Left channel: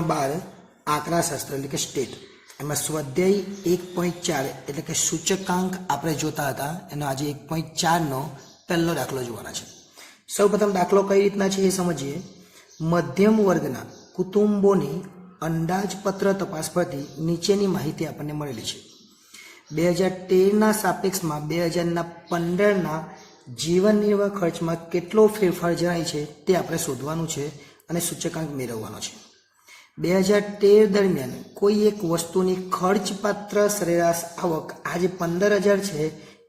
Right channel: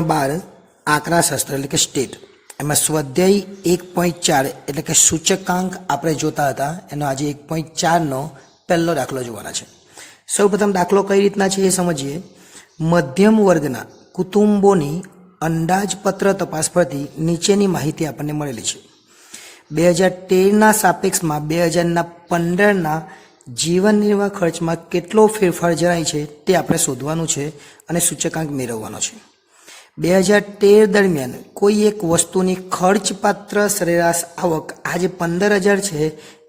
ધોરણ 12 આંકડાશાસ્ત્ર એટલે કે સ્ટેટ એમાં સ્વાધ્યાય 1.4 એટલે કે સૂચકાંક આપણે જોતા હતા એનો આજે 1.4નો પહેલો દાખલો જોવાના છે। સૌપ્રથમ દાખલો કઈ રીતના છે એ સમજીએ। મધ્યમ વર્ગના કુટુંબોની અંદાજપત્ર તપાસ પરથી નીચેની માહિતી આપણને મળેલી છે। 2013ના સાપેક્ષમાં 2015ના જીવન નિર્વાહ ખર્ચમાં કેટલો ફેરફાર જણાય છે તે આપણે શોધવાનું છે અને સૂચકાંક મેળવવાનો છે। 2013 દરમિયાન કોઈ એક વસ્તુની ખર્ચપાત્ર સરેરાશ આવક આજે 15,000 છે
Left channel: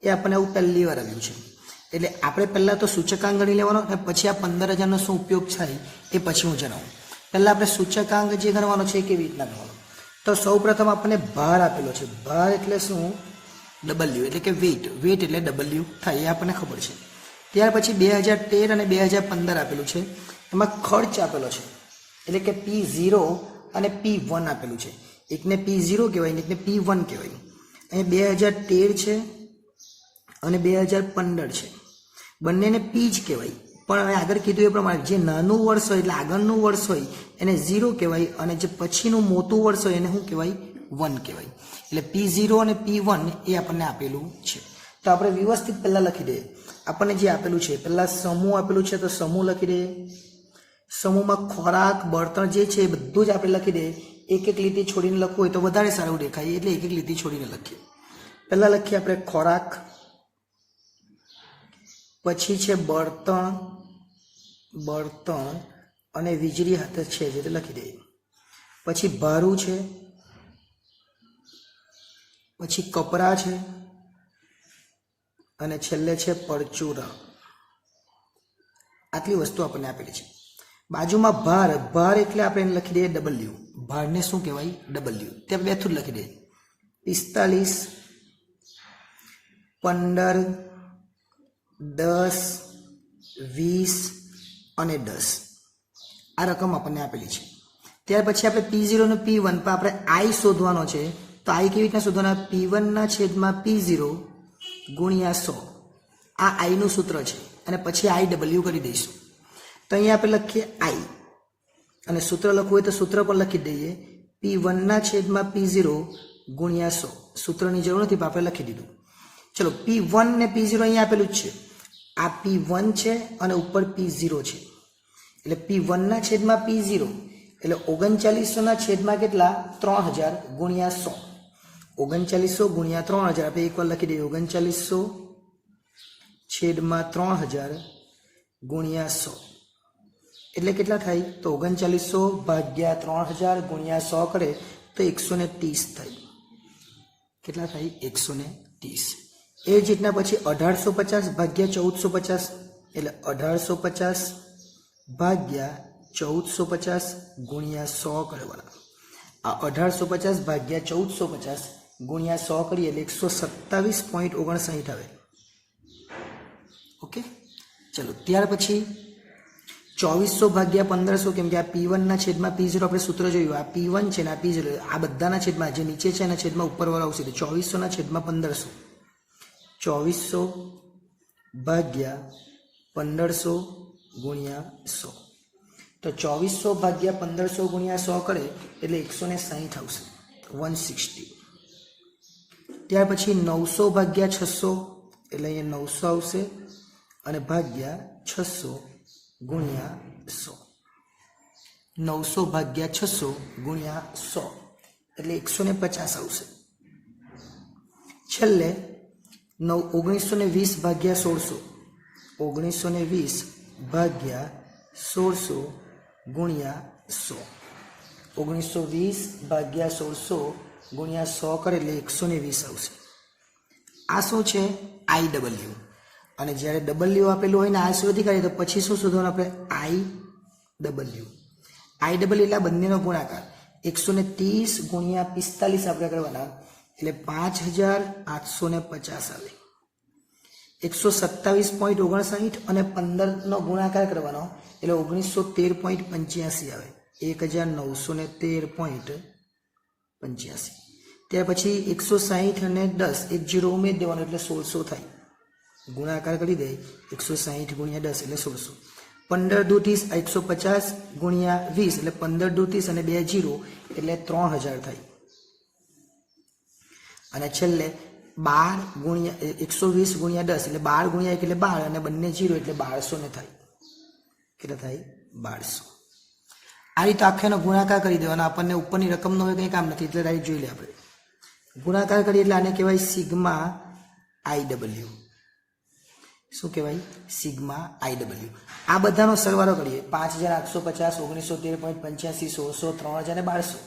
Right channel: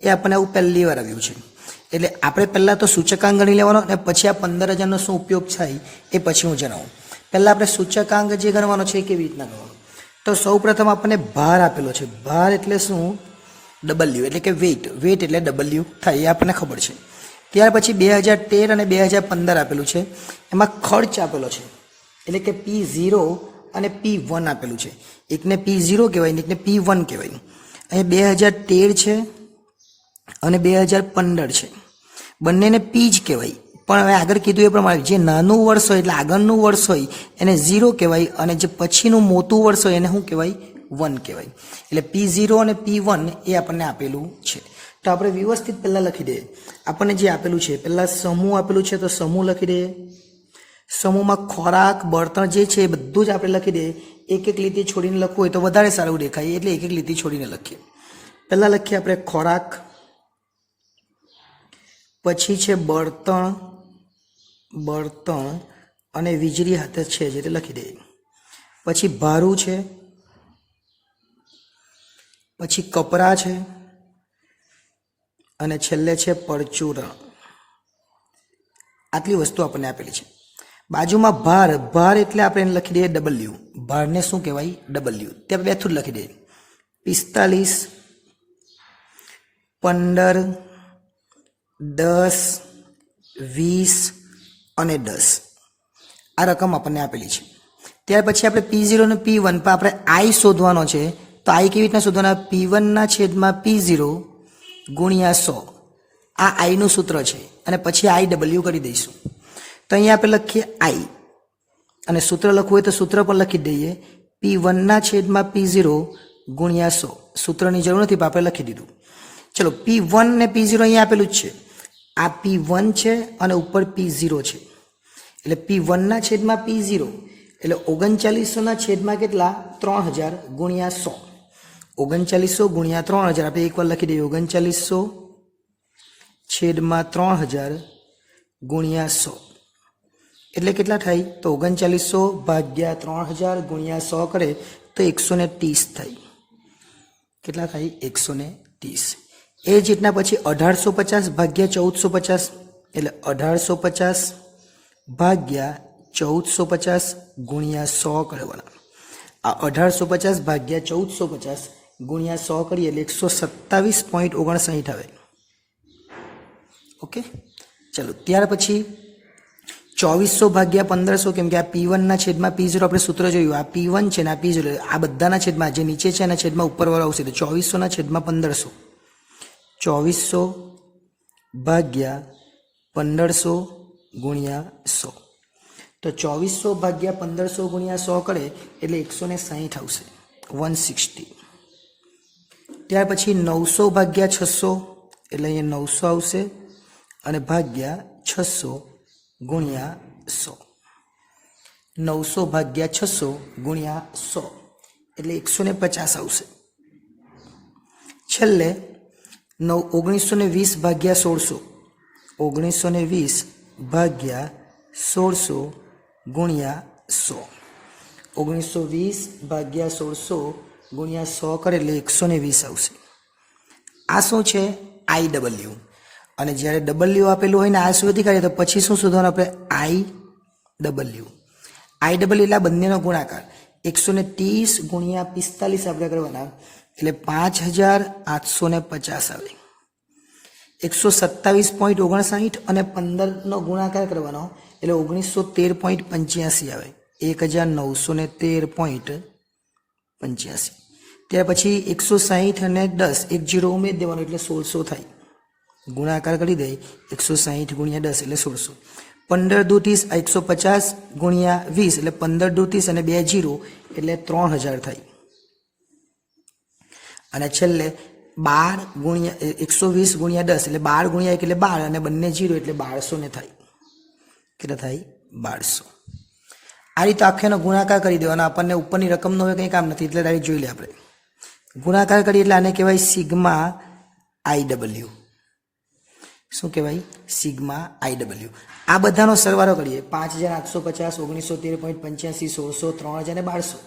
એ આપણને આવું પહેલી વાર આવ્યું છે। એટલે આપણે પહેલાં તો સૂચકાંક ગણી લેવાનો અને પછી આ 15,000નો શું ઉપયોગ થાય એ પછી હું જણાવું। પહેલાં આપણે સૂચકાંક જે ગણવાનો છે કેવી રીતના ગણવાનો, તો સૌપ્રથમ આપણને ભાર આપેલો છે। ભાર એટલે શું? ડબલ્યુ એટલે કે વેઇટ, વેઇટ એટલે ડબલ્યુ થાય એ આપણને ખબર છે। ત્યાર પછી 2013 અને 2015 આપેલું છે, એમાં ખર્ચ આપેલો છે એટલે કે P0 અને P1 આપેલું છે। એકને P0 કહેવાય ને એકને P1 કહેવાય। અહીં 2013 છે અને 2015 છે, બંનેને P જ કહેવાય, પણ હવે આગળ કીધું એ પ્રમાણે જે નાનું વર્ષ હોય એટલે આગળનું વર્ષ હોય એને 0 કહેવાય અને જે પછીનું મોટું વર્ષ હોય એને શું કહેવાય? 1 કહેવાય। એટલે P0 અને P1 એ આપણને આપેલું છે। તો આપણે વ્યવસ્થિત પહેલાં લખી દઈએ। આપણને જે આપેલું છે પહેલાં સમૂહ આપેલું છે તો સમૂહ લખી દઈએ। સમૂહમાં ખોરાક, બળતણ જે છે એ બધું જ આપણે લખી દઈએ। એક એક લીટી છોડીને લખવું હોય તો વધારે સારું દેખાય એટલે એક એક લીટી છોડીને લખીએ। પહેલાં લખીએ આપણે ખોરાક, પછી છે બળતણ અને વીજળી હાથે છે જે તે લખી દઈએ। પછી ભારું છે, પછી કપરા છે અને છેલ્લે છે પરચુરણ। આટલી વસ્તુ આપણને આપેલી છે। બાજુમાં ભાર, ભાર એટલે આપણે એને લખી દઈએ ડબલ્યુ। ભારને શું કહેવાય? ડબલ્યુ। ત્યાં બેઠું જ લખી દઈએ 45, 15, 10, 20 અને 10 આ રકમ આપણને આપેલી છે। ત્યાર પછી આપણે P0 અને P1 પર આપણે I શોધવાનો છે, તો I કેવી રીતના શોધવાના? P1/P0 ગુણ્યા 100 આ આઈનું સૂત્ર છે અને પછી IW કરી દઈશું। તો અહીંયા આપણે લખીએ I અને સૂત્ર લખવું હોય તો સૂત્ર પણ લખી દઈએ P1/P0 ગુણ્યા 100। સૂત્રની જરૂર નથી પણ આપણે લખી દીધું। ચલો P1 ને P0 અહીંયા આપેલું જ છે, આ P1 છે અને ઉપર P0 છે એટલે P1/P0 એટલે 3900 કેટલા? 3000 ગુણ્યા 100। 3900 ગુણ્યા 3000 આપણે એકવાર લખી દઈએ 3900/3000 ગુણ્યા 100 એટલે કેટલા થાય? તો 3900/3000 ગુણ્યા 100 કરે તો 130 થાય। કેટલા થાય? 130। એ જ રીતના પછી 1850/1450 એટલે 1850/1450 ગુણ્યા 100 કરવાના। આ 1850/1450 ગુણ્યા 100 કરીએ એટલે 127.59 આવે। ઓકે, ચલો ત્યાર પછી 2400/1500 કેમ કે આ P1/P0 આપણે સૂત્ર જોયું, આ P1 છે ને આ P0 આ બધાના છેદમાં જે નીચે છે એના છેદમાં ઉપરવાળો આવશે તો 2400/1500 2400/1500 ગુણ્યા 100 તો 2400/1500 ગુણ્યા 100 કરે એટલે 160 આવશે 160। ત્યાર પછી 900/600 એટલે અહીંયા 900 આવશે અને ભાગ્યા 600 ગુણ્યા 100। 900/600 ગુણ્યા 100 એટલે 150 આવશે। છેલ્લે 1920/1600 1920/1600 ગુણ્યા 100। 1920/1600 ગુણ્યા 100 કરે એટલે 120 આવશે। આ શું છે? IW। અને જ્યારે ડબલ્યુ આપેલું હોય ને આ શોધી કાઢીએ તો પછી શું શોધવાનું આપણે? IW એટલે આ બંનેનો ગુણાકાર 130 ગુણ્યા 45 આપણે કરવાના એટલે 5850 આવે। 127.59 અને 15નો ગુણાકાર કરવાનો એટલે 1913.85 આવે 1913.85। ત્યાર પછી 160 અને 10 એક 0 ઉમેરી દેવાનો એટલે 1600 થાય। ગુણાકાર કરી દઈએ 160 ગુણ્યા 10 એટલે 1600। 15 દુ 30 150 ગુણ્યા 20 એટલે 15 દુ 30 અને 2 0 એટલે 3000 થાય. અને છેલ્લે 12 ગુણ્યા 120 ગુણ્યા 10 એટલે 12 ગુણ્યા 1 એટલે 12 અને બંને 0 એટલે 1200 ને થાય. કેટલા થાય? 1200. આ રીતે આખેનો ગુણાકાર કરી દેવાનો. આપણને ઉપરની રકમનો હવે કંઈ કામ નથી એટલે ડાયરેક્ટ જોઈ લે આપણે. ગુણાકાર કરીએ એટલે આને કહેવાય સિગ્મા IW. શું કહેવાય? Sigma IW. આ બધાનો સરવાળો કરીએ. 5850 1913.85 1600 3000 અને 1200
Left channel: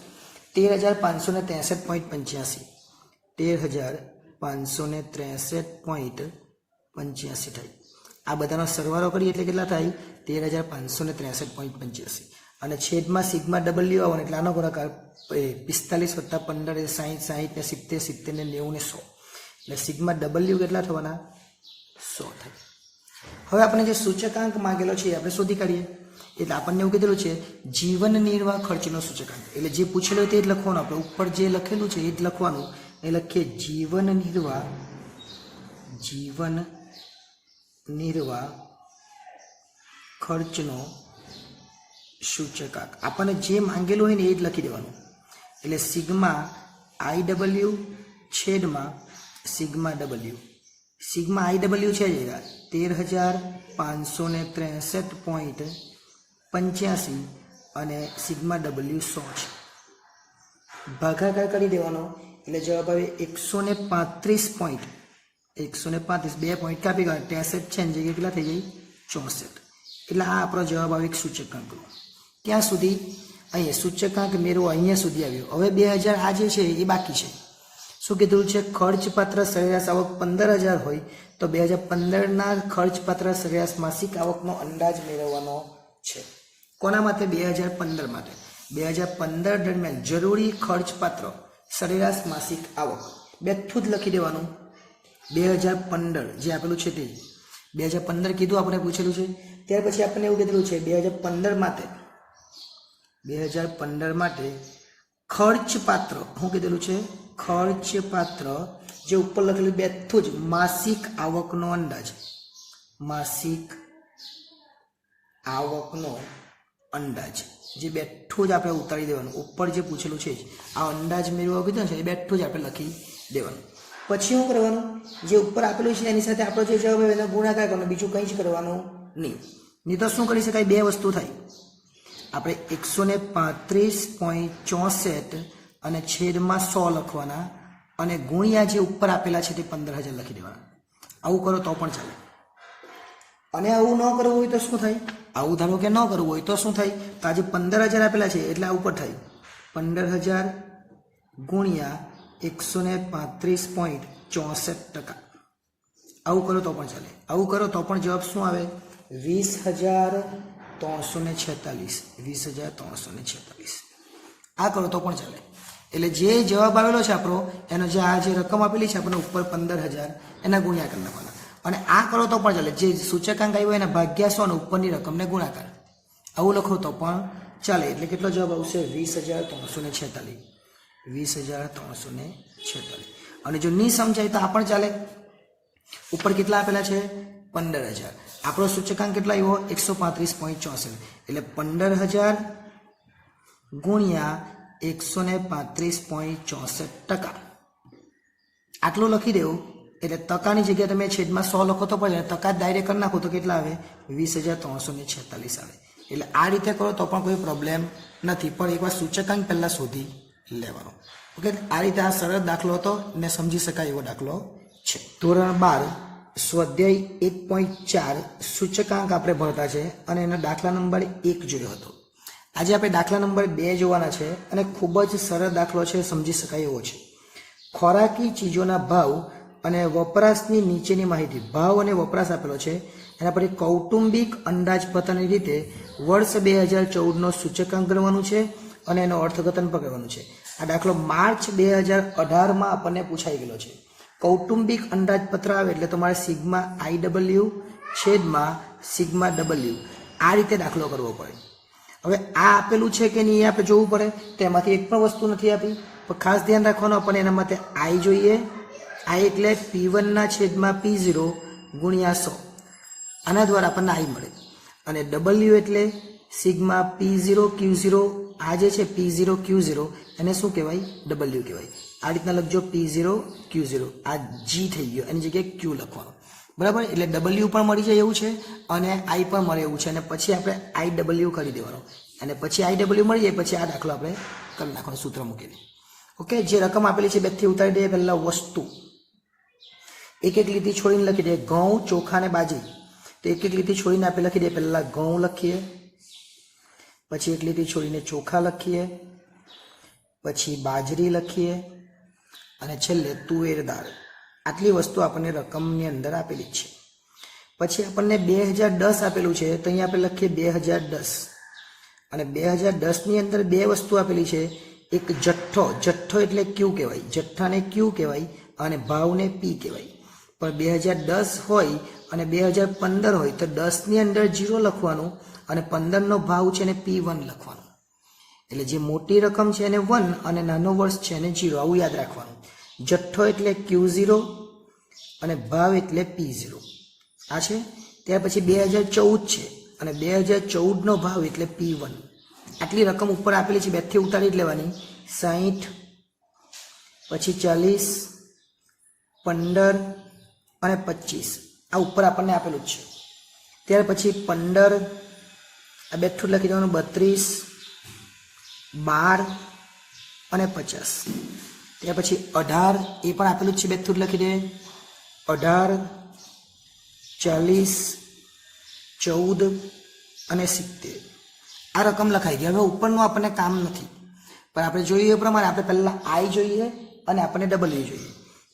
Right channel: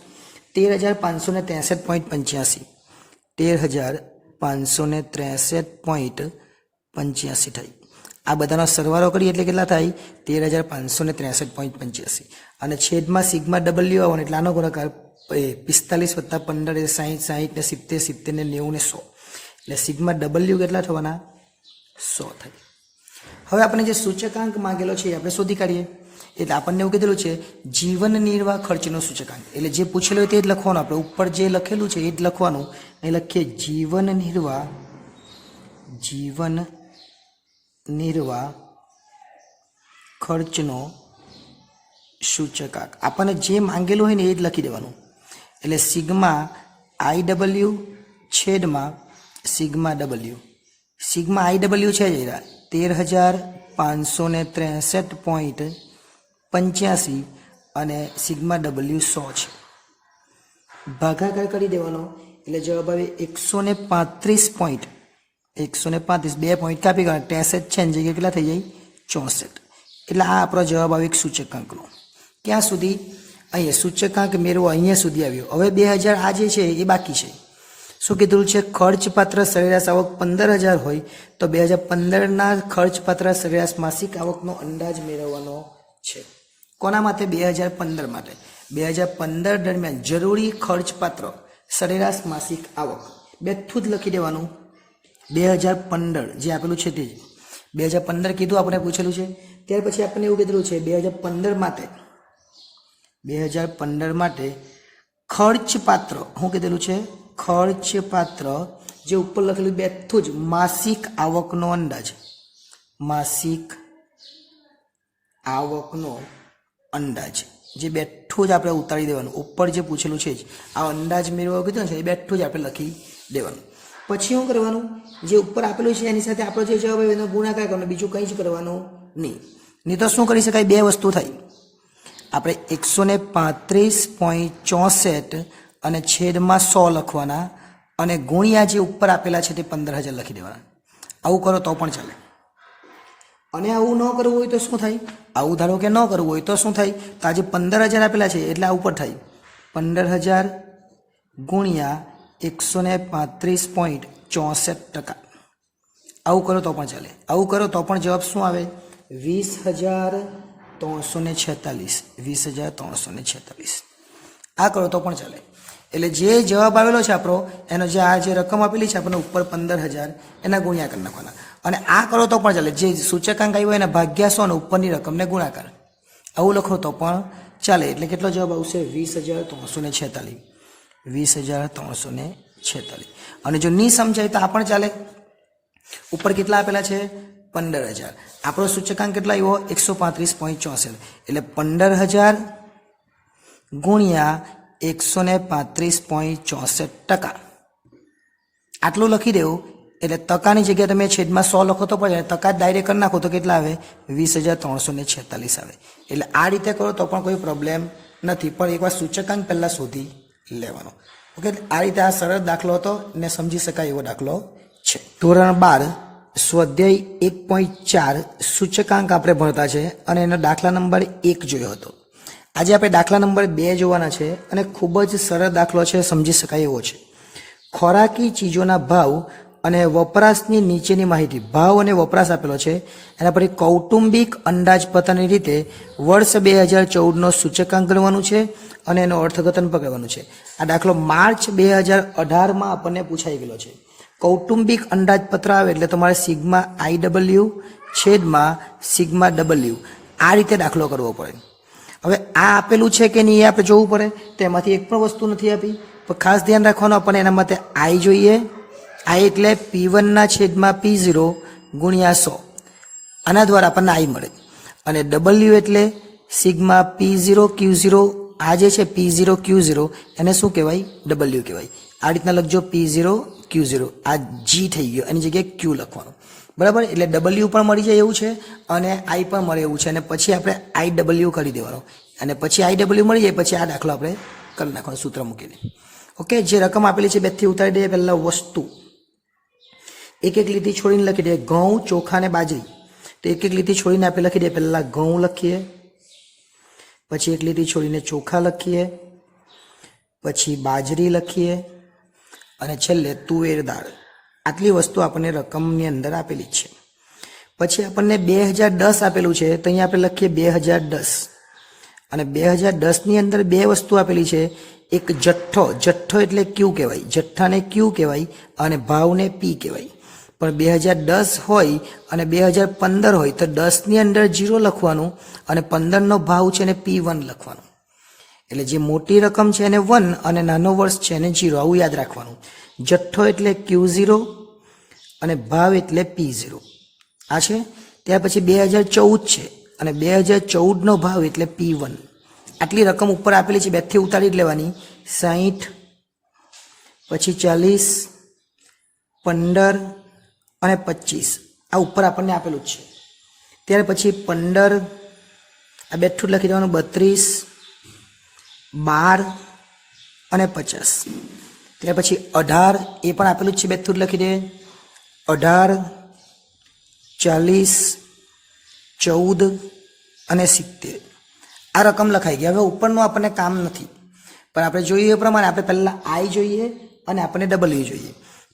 13563.85 થાય. આ બધાનો સરવાળો કરીએ એટલે કેટલા થાય? 13563.85. અને છેદમાં સિગ્મા W આવવાનો એટલે આનો ગુણાકાર 45 + 15 = 60 60 ને 70 70 ને 90 ને 100 એટલે સિગ્મા W કેટલા થવાના? 100 થાય. હવે આપણે જે સૂચકાંક માંગેલો છે એ આપણે શોધી કાઢીએ. એટલે આપણને એવું કીધેલું છે જીવન નિર્વાહ ખર્ચનો સૂચકાંક. એટલે જે પૂછેલું હોય તે જ લખવાનું. આપણે ઉપર જે લખેલું છે એ જ લખવાનું. એ લખીએ જીવન નિર્વાહ ખર્ચનો સૂચકાંક. આપણને જે માંગેલું હોય ને એ જ લખી દેવાનું. એટલે સિગ્મા IW છેદમાં સિગ્મા W. સિગ્મા IW છે જ 13563.85 અને સિગ્મા W 100 છે. ભાગાકાર કરી દેવાનો એટલે જવાબ આવે 135. 2 પોઈન્ટ કાપી ગયા 63 છે ને જગ્યાએ કેટલા થઈ જાય? 64. એટલે આ આપણો જવાબ આવે એક સૂચકાંકનો. ક્યાં સુધી? અહીંયા સૂચકાંક મેળવો અહીંયા સુધી આવ્યો. હવે 2000 આ જે છે એ બાકી છે. શું કીધું છે? ખર્ચપાત્ર સરેરાશ આવક 15000 હોય તો 2015ના ખર્ચપાત્ર સરેરાશ માસિક આવકનો અંદાજ મેળવવાનો છે. કોના માટે? 2015 માટે. 2015 દરમિયાન જરૂરી ખર્ચપાત્ર સરેરાશ માસિક આવક બેઠું જ લખી દેવાનું. 2015 જે આપેલું છે તે 2015 કીધું આપણે પૂછેલું છે. ત્યાર પછી આપણને એવું કીધેલું છે 2015 માટે ખર્ચપાત્ર શું કીધેલું છે? ખર્ચપાત્ર જે ઉપર લખેલું બેઠું જ માસિક આવકનો અંદાજ. માસિક આવકનો અંદાજ જે બેઠું જ આપણે ઉતારી દેવાનું. ઉપર જે પૂછેલું છે જ આ અંદાજ મેળવવા કીધું છે એ બેઠું જ આપણે લખી દેવાનું. પછી શું કરવાનું? જે ઉપર આપેલું છે એની સાથે આપણો જે જવાબ આવે એનો ગુણાકાર કરવાનો. બીજું કંઈ જ કરવાનું નહીં તો શું કરી શકાય? બે વસ્તુ થાય. આપણે 135.64 અને છેદમાં 100 લખવાના અને ગુણ્યા જે ઉપર આપેલા છે તે 15000 લખી દેવાના. આવું કરો તો પણ ચાલે. અને આવું ન કરવું હોય તો શું થાય? આવું ધારો કે ન કરવું હોય તો શું થાય? તો આજે 15000 આપેલા છે એટલે આ ઉપર થાય 15000 ગુણ્યા 135.64%. આવું કરો તો પણ ચાલે. આવું કરો તો પણ જવાબ શું આવે? 20346. 20346. આ કરો તો પણ ચાલે. એટલે જે જવાબ આવેલો છે આપણો એનો જે આ જે રકમ આપેલી છે આપણને ઉપર 15000 એના ગુણ્યા કરી નાખવાના. અને આ કરો તો પણ ચાલે. જે સૂચકાંક આવ્યો એના ભાગ્યા 100 અને ઉપરની રકમને ગુણાકાર. આવું લખો તો પણ ચાલે. એટલે કેટલો જવાબ આવશે? 20346. 20346. અને જો નહીં સમજાય તો આ પણ ચાલે. ઉપર કેટલા આપેલા છે? 15000. આપણો સૂચકાંક કેટલા આવ્યો? 135.64. એટલે 15000 ગુણ્યા 135.64%. આટલું લખી દેવું. એટલે ટકાની જગ્યાએ તમે છેદમાં 100 લખો તો પડે. ટકા ડાયરેક્ટ કરી નાખો તો કેટલા આવે? 20346 આવે. એટલે આ રીતે કરો તો પણ કોઈ પ્રોબ્લેમ નથી. પણ એકવાર સૂચકાંક પહેલાં શોધી લેવાનો. ઓકે, આ રીતે આ સરળ દાખલો હતો ને સમજી શકાય એવો દાખલો છે. ધોરણ 12 સ્વાધ્યાય 1.4 સૂચકાંક આપણે ભણતા છે અને એનો દાખલા નંબર 1 જોયો હતો. આજે આપણે દાખલા નંબર 2 જોવાના છે અને ખૂબ જ સરળ દાખલો છે, સમજી શકાય એવો છે. ખોરાકી ચીજોના ભાવ અને વપરાશની નીચેની માહિતી. ભાવ અને વપરાશ આપેલો છે. એના પછી કૌટુંબિક અંદાજપત્રની રીતે વર્ષ 2014નો સૂચકાંક ગણવાનું છે અને એનું અર્થઘટન પકડવાનું છે. આ દાખલો માર્ચ 2018માં આપણને પૂછાઈ ગયેલો છે. કૌટુંબિક અંદાજપત્ર આવે એટલે તમારે સિગ્મા IW છેદમાં સિગ્મા W આ રીતે દાખલો કરવો પડે. હવે આ આપેલું છે કે નહીં એ આપણે જોવું પડે. તો એમાંથી એક પણ વસ્તુ નથી આપી તો ખાસ ધ્યાન રાખવાનું. આપણને એના માટે I જોઈએ. I એટલે P1 ના છેદમાં P0 ગુણ્યા 100. આના દ્વારા આપણને I મળે. અને ડબલ્યુ એટલે સિગ્મા P0Q0, આ જે છે P0Q0 એને શું કહેવાય? ડબલ્યુ કહેવાય. આ રીતના લખજો P0Q0, આ G થઈ ગયો, એની જગ્યાએ Q લખવાનું, બરાબર. એટલે ડબલ્યુ પણ મળી જાય એવું છે અને આઈ પણ મળે એવું છે, અને પછી આપણે IW કરી દેવાનું, અને પછી IW મળી જાય પછી આ દાખલો આપણે કરી નાખવાનો સૂત્ર મૂકીને. ઓકે, જે રકમ આપેલી છે બેથી ઉતારી દઈએ. પહેલા વસ્તુ એક એક લીટી છોડીને લખી દઈએ. ઘઉં, ચોખા ને બાજરી, તો એક એક લીટી છોડીને આપણે લખી દઈએ. પહેલા ઘઉં લખીએ, પછી એક લીટી છોડીને ચોખા લખીએ, પછી બાજરી લખીએ, અને છેલ્લે તુવેર દાળ. આટલી વસ્તુ આપણને રકમની અંદર આપેલી છે. પછી આપણને 2010 આપેલું છે, તો અહીંયા આપણે લખીએ 2010, અને 2010ની અંદર બે વસ્તુ આપેલી છે. એક જથ્થો, જથ્થો એટલે ક્યુ કહેવાય, જથ્થાને ક્યુ કહેવાય અને ભાવને પી કહેવાય. પણ 2010 હોય અને 2015 હોય તો 10ની અંદર 0 લખવાનું અને 15નો ભાવ છે એને P1 લખવાનું. એટલે જે મોટી રકમ છે એને 1 અને નાનો વર્ષ છે એને 0, આવું યાદ રાખવાનું. જથ્થો એટલે Q0 અને ભાવ એટલે P0. આ છે. ત્યાર પછી 2014 છે અને 2014નો ભાવ એટલે P1. આટલી રકમ ઉપર આપેલી છે, બેથી ઉતારી જ લેવાની. 60, પછી 40, 15 અને 25, આ ઉપર આપણને આપેલું જ છે. ત્યાર પછી 15, આ બેઠું લખી દેવાનું, 32, 12 અને 50. ત્યાર પછી 18, એ પણ આપેલું જ છે, બેઠું લખી દે. 18, 40, 14 અને 70. આ રકમ લખાઈ ગઈ. હવે ઉપરનું આપણને કામ નથી, પણ આપણે જોઈએ એ પ્રમાણે આપણે પહેલાં આઈ જોઈએ અને આપણને ડબલ્યુ જોઈએ.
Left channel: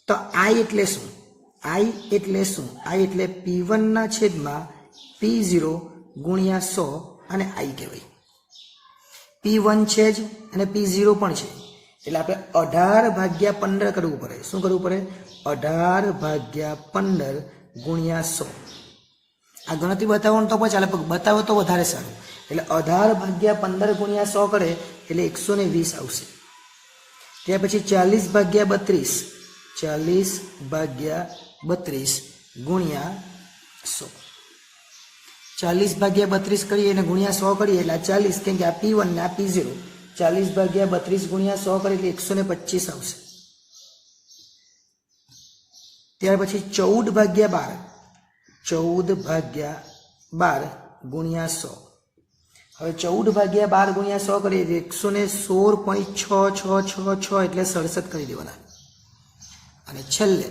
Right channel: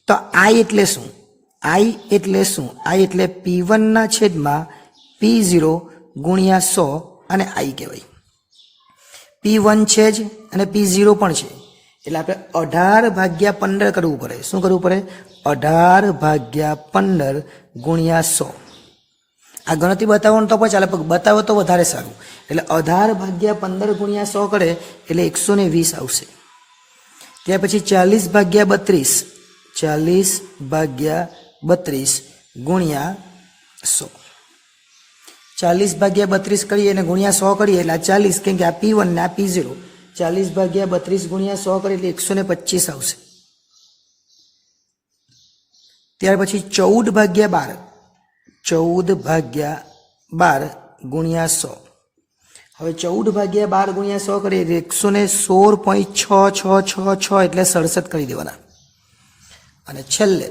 તો આઈ એટલે શું? આઈ એટલે શું? આઈ એટલે P1 છેદમાં P0 ગુણ્યા 100, અને આઈ કહેવાય. P1 છે જ અને P0 પણ છે, એટલે આપણે 18/15 કરવું પડે. શું કરવું પડે? 18/15 ગુણ્યા 100. આ ગણતરી બતાવો તો પણ ચાલે, પણ બતાવો તો વધારે સારું. એટલે 18/15 ગુણ્યા 100 કરે એટલે 120 આવશે. ત્યાર પછી 40/32, 40/32 ગુણ્યા 100. 40/32 કરીએ અને ગુણ્યા 100 કરીએ એટલે આ 40, કેમ કે આ P1 ને આ P0. 40/32 ગુણ્યા 100 કરીએ એટલે 125 આવશે. ત્યાર પછી 14/12, 14/12 ગુણ્યા 100. હવે 14/12 ગુણ્યા 100 કરીએ એટલે 116.6666 એટલે 67 કરી દેવાના. અને છેલ્લે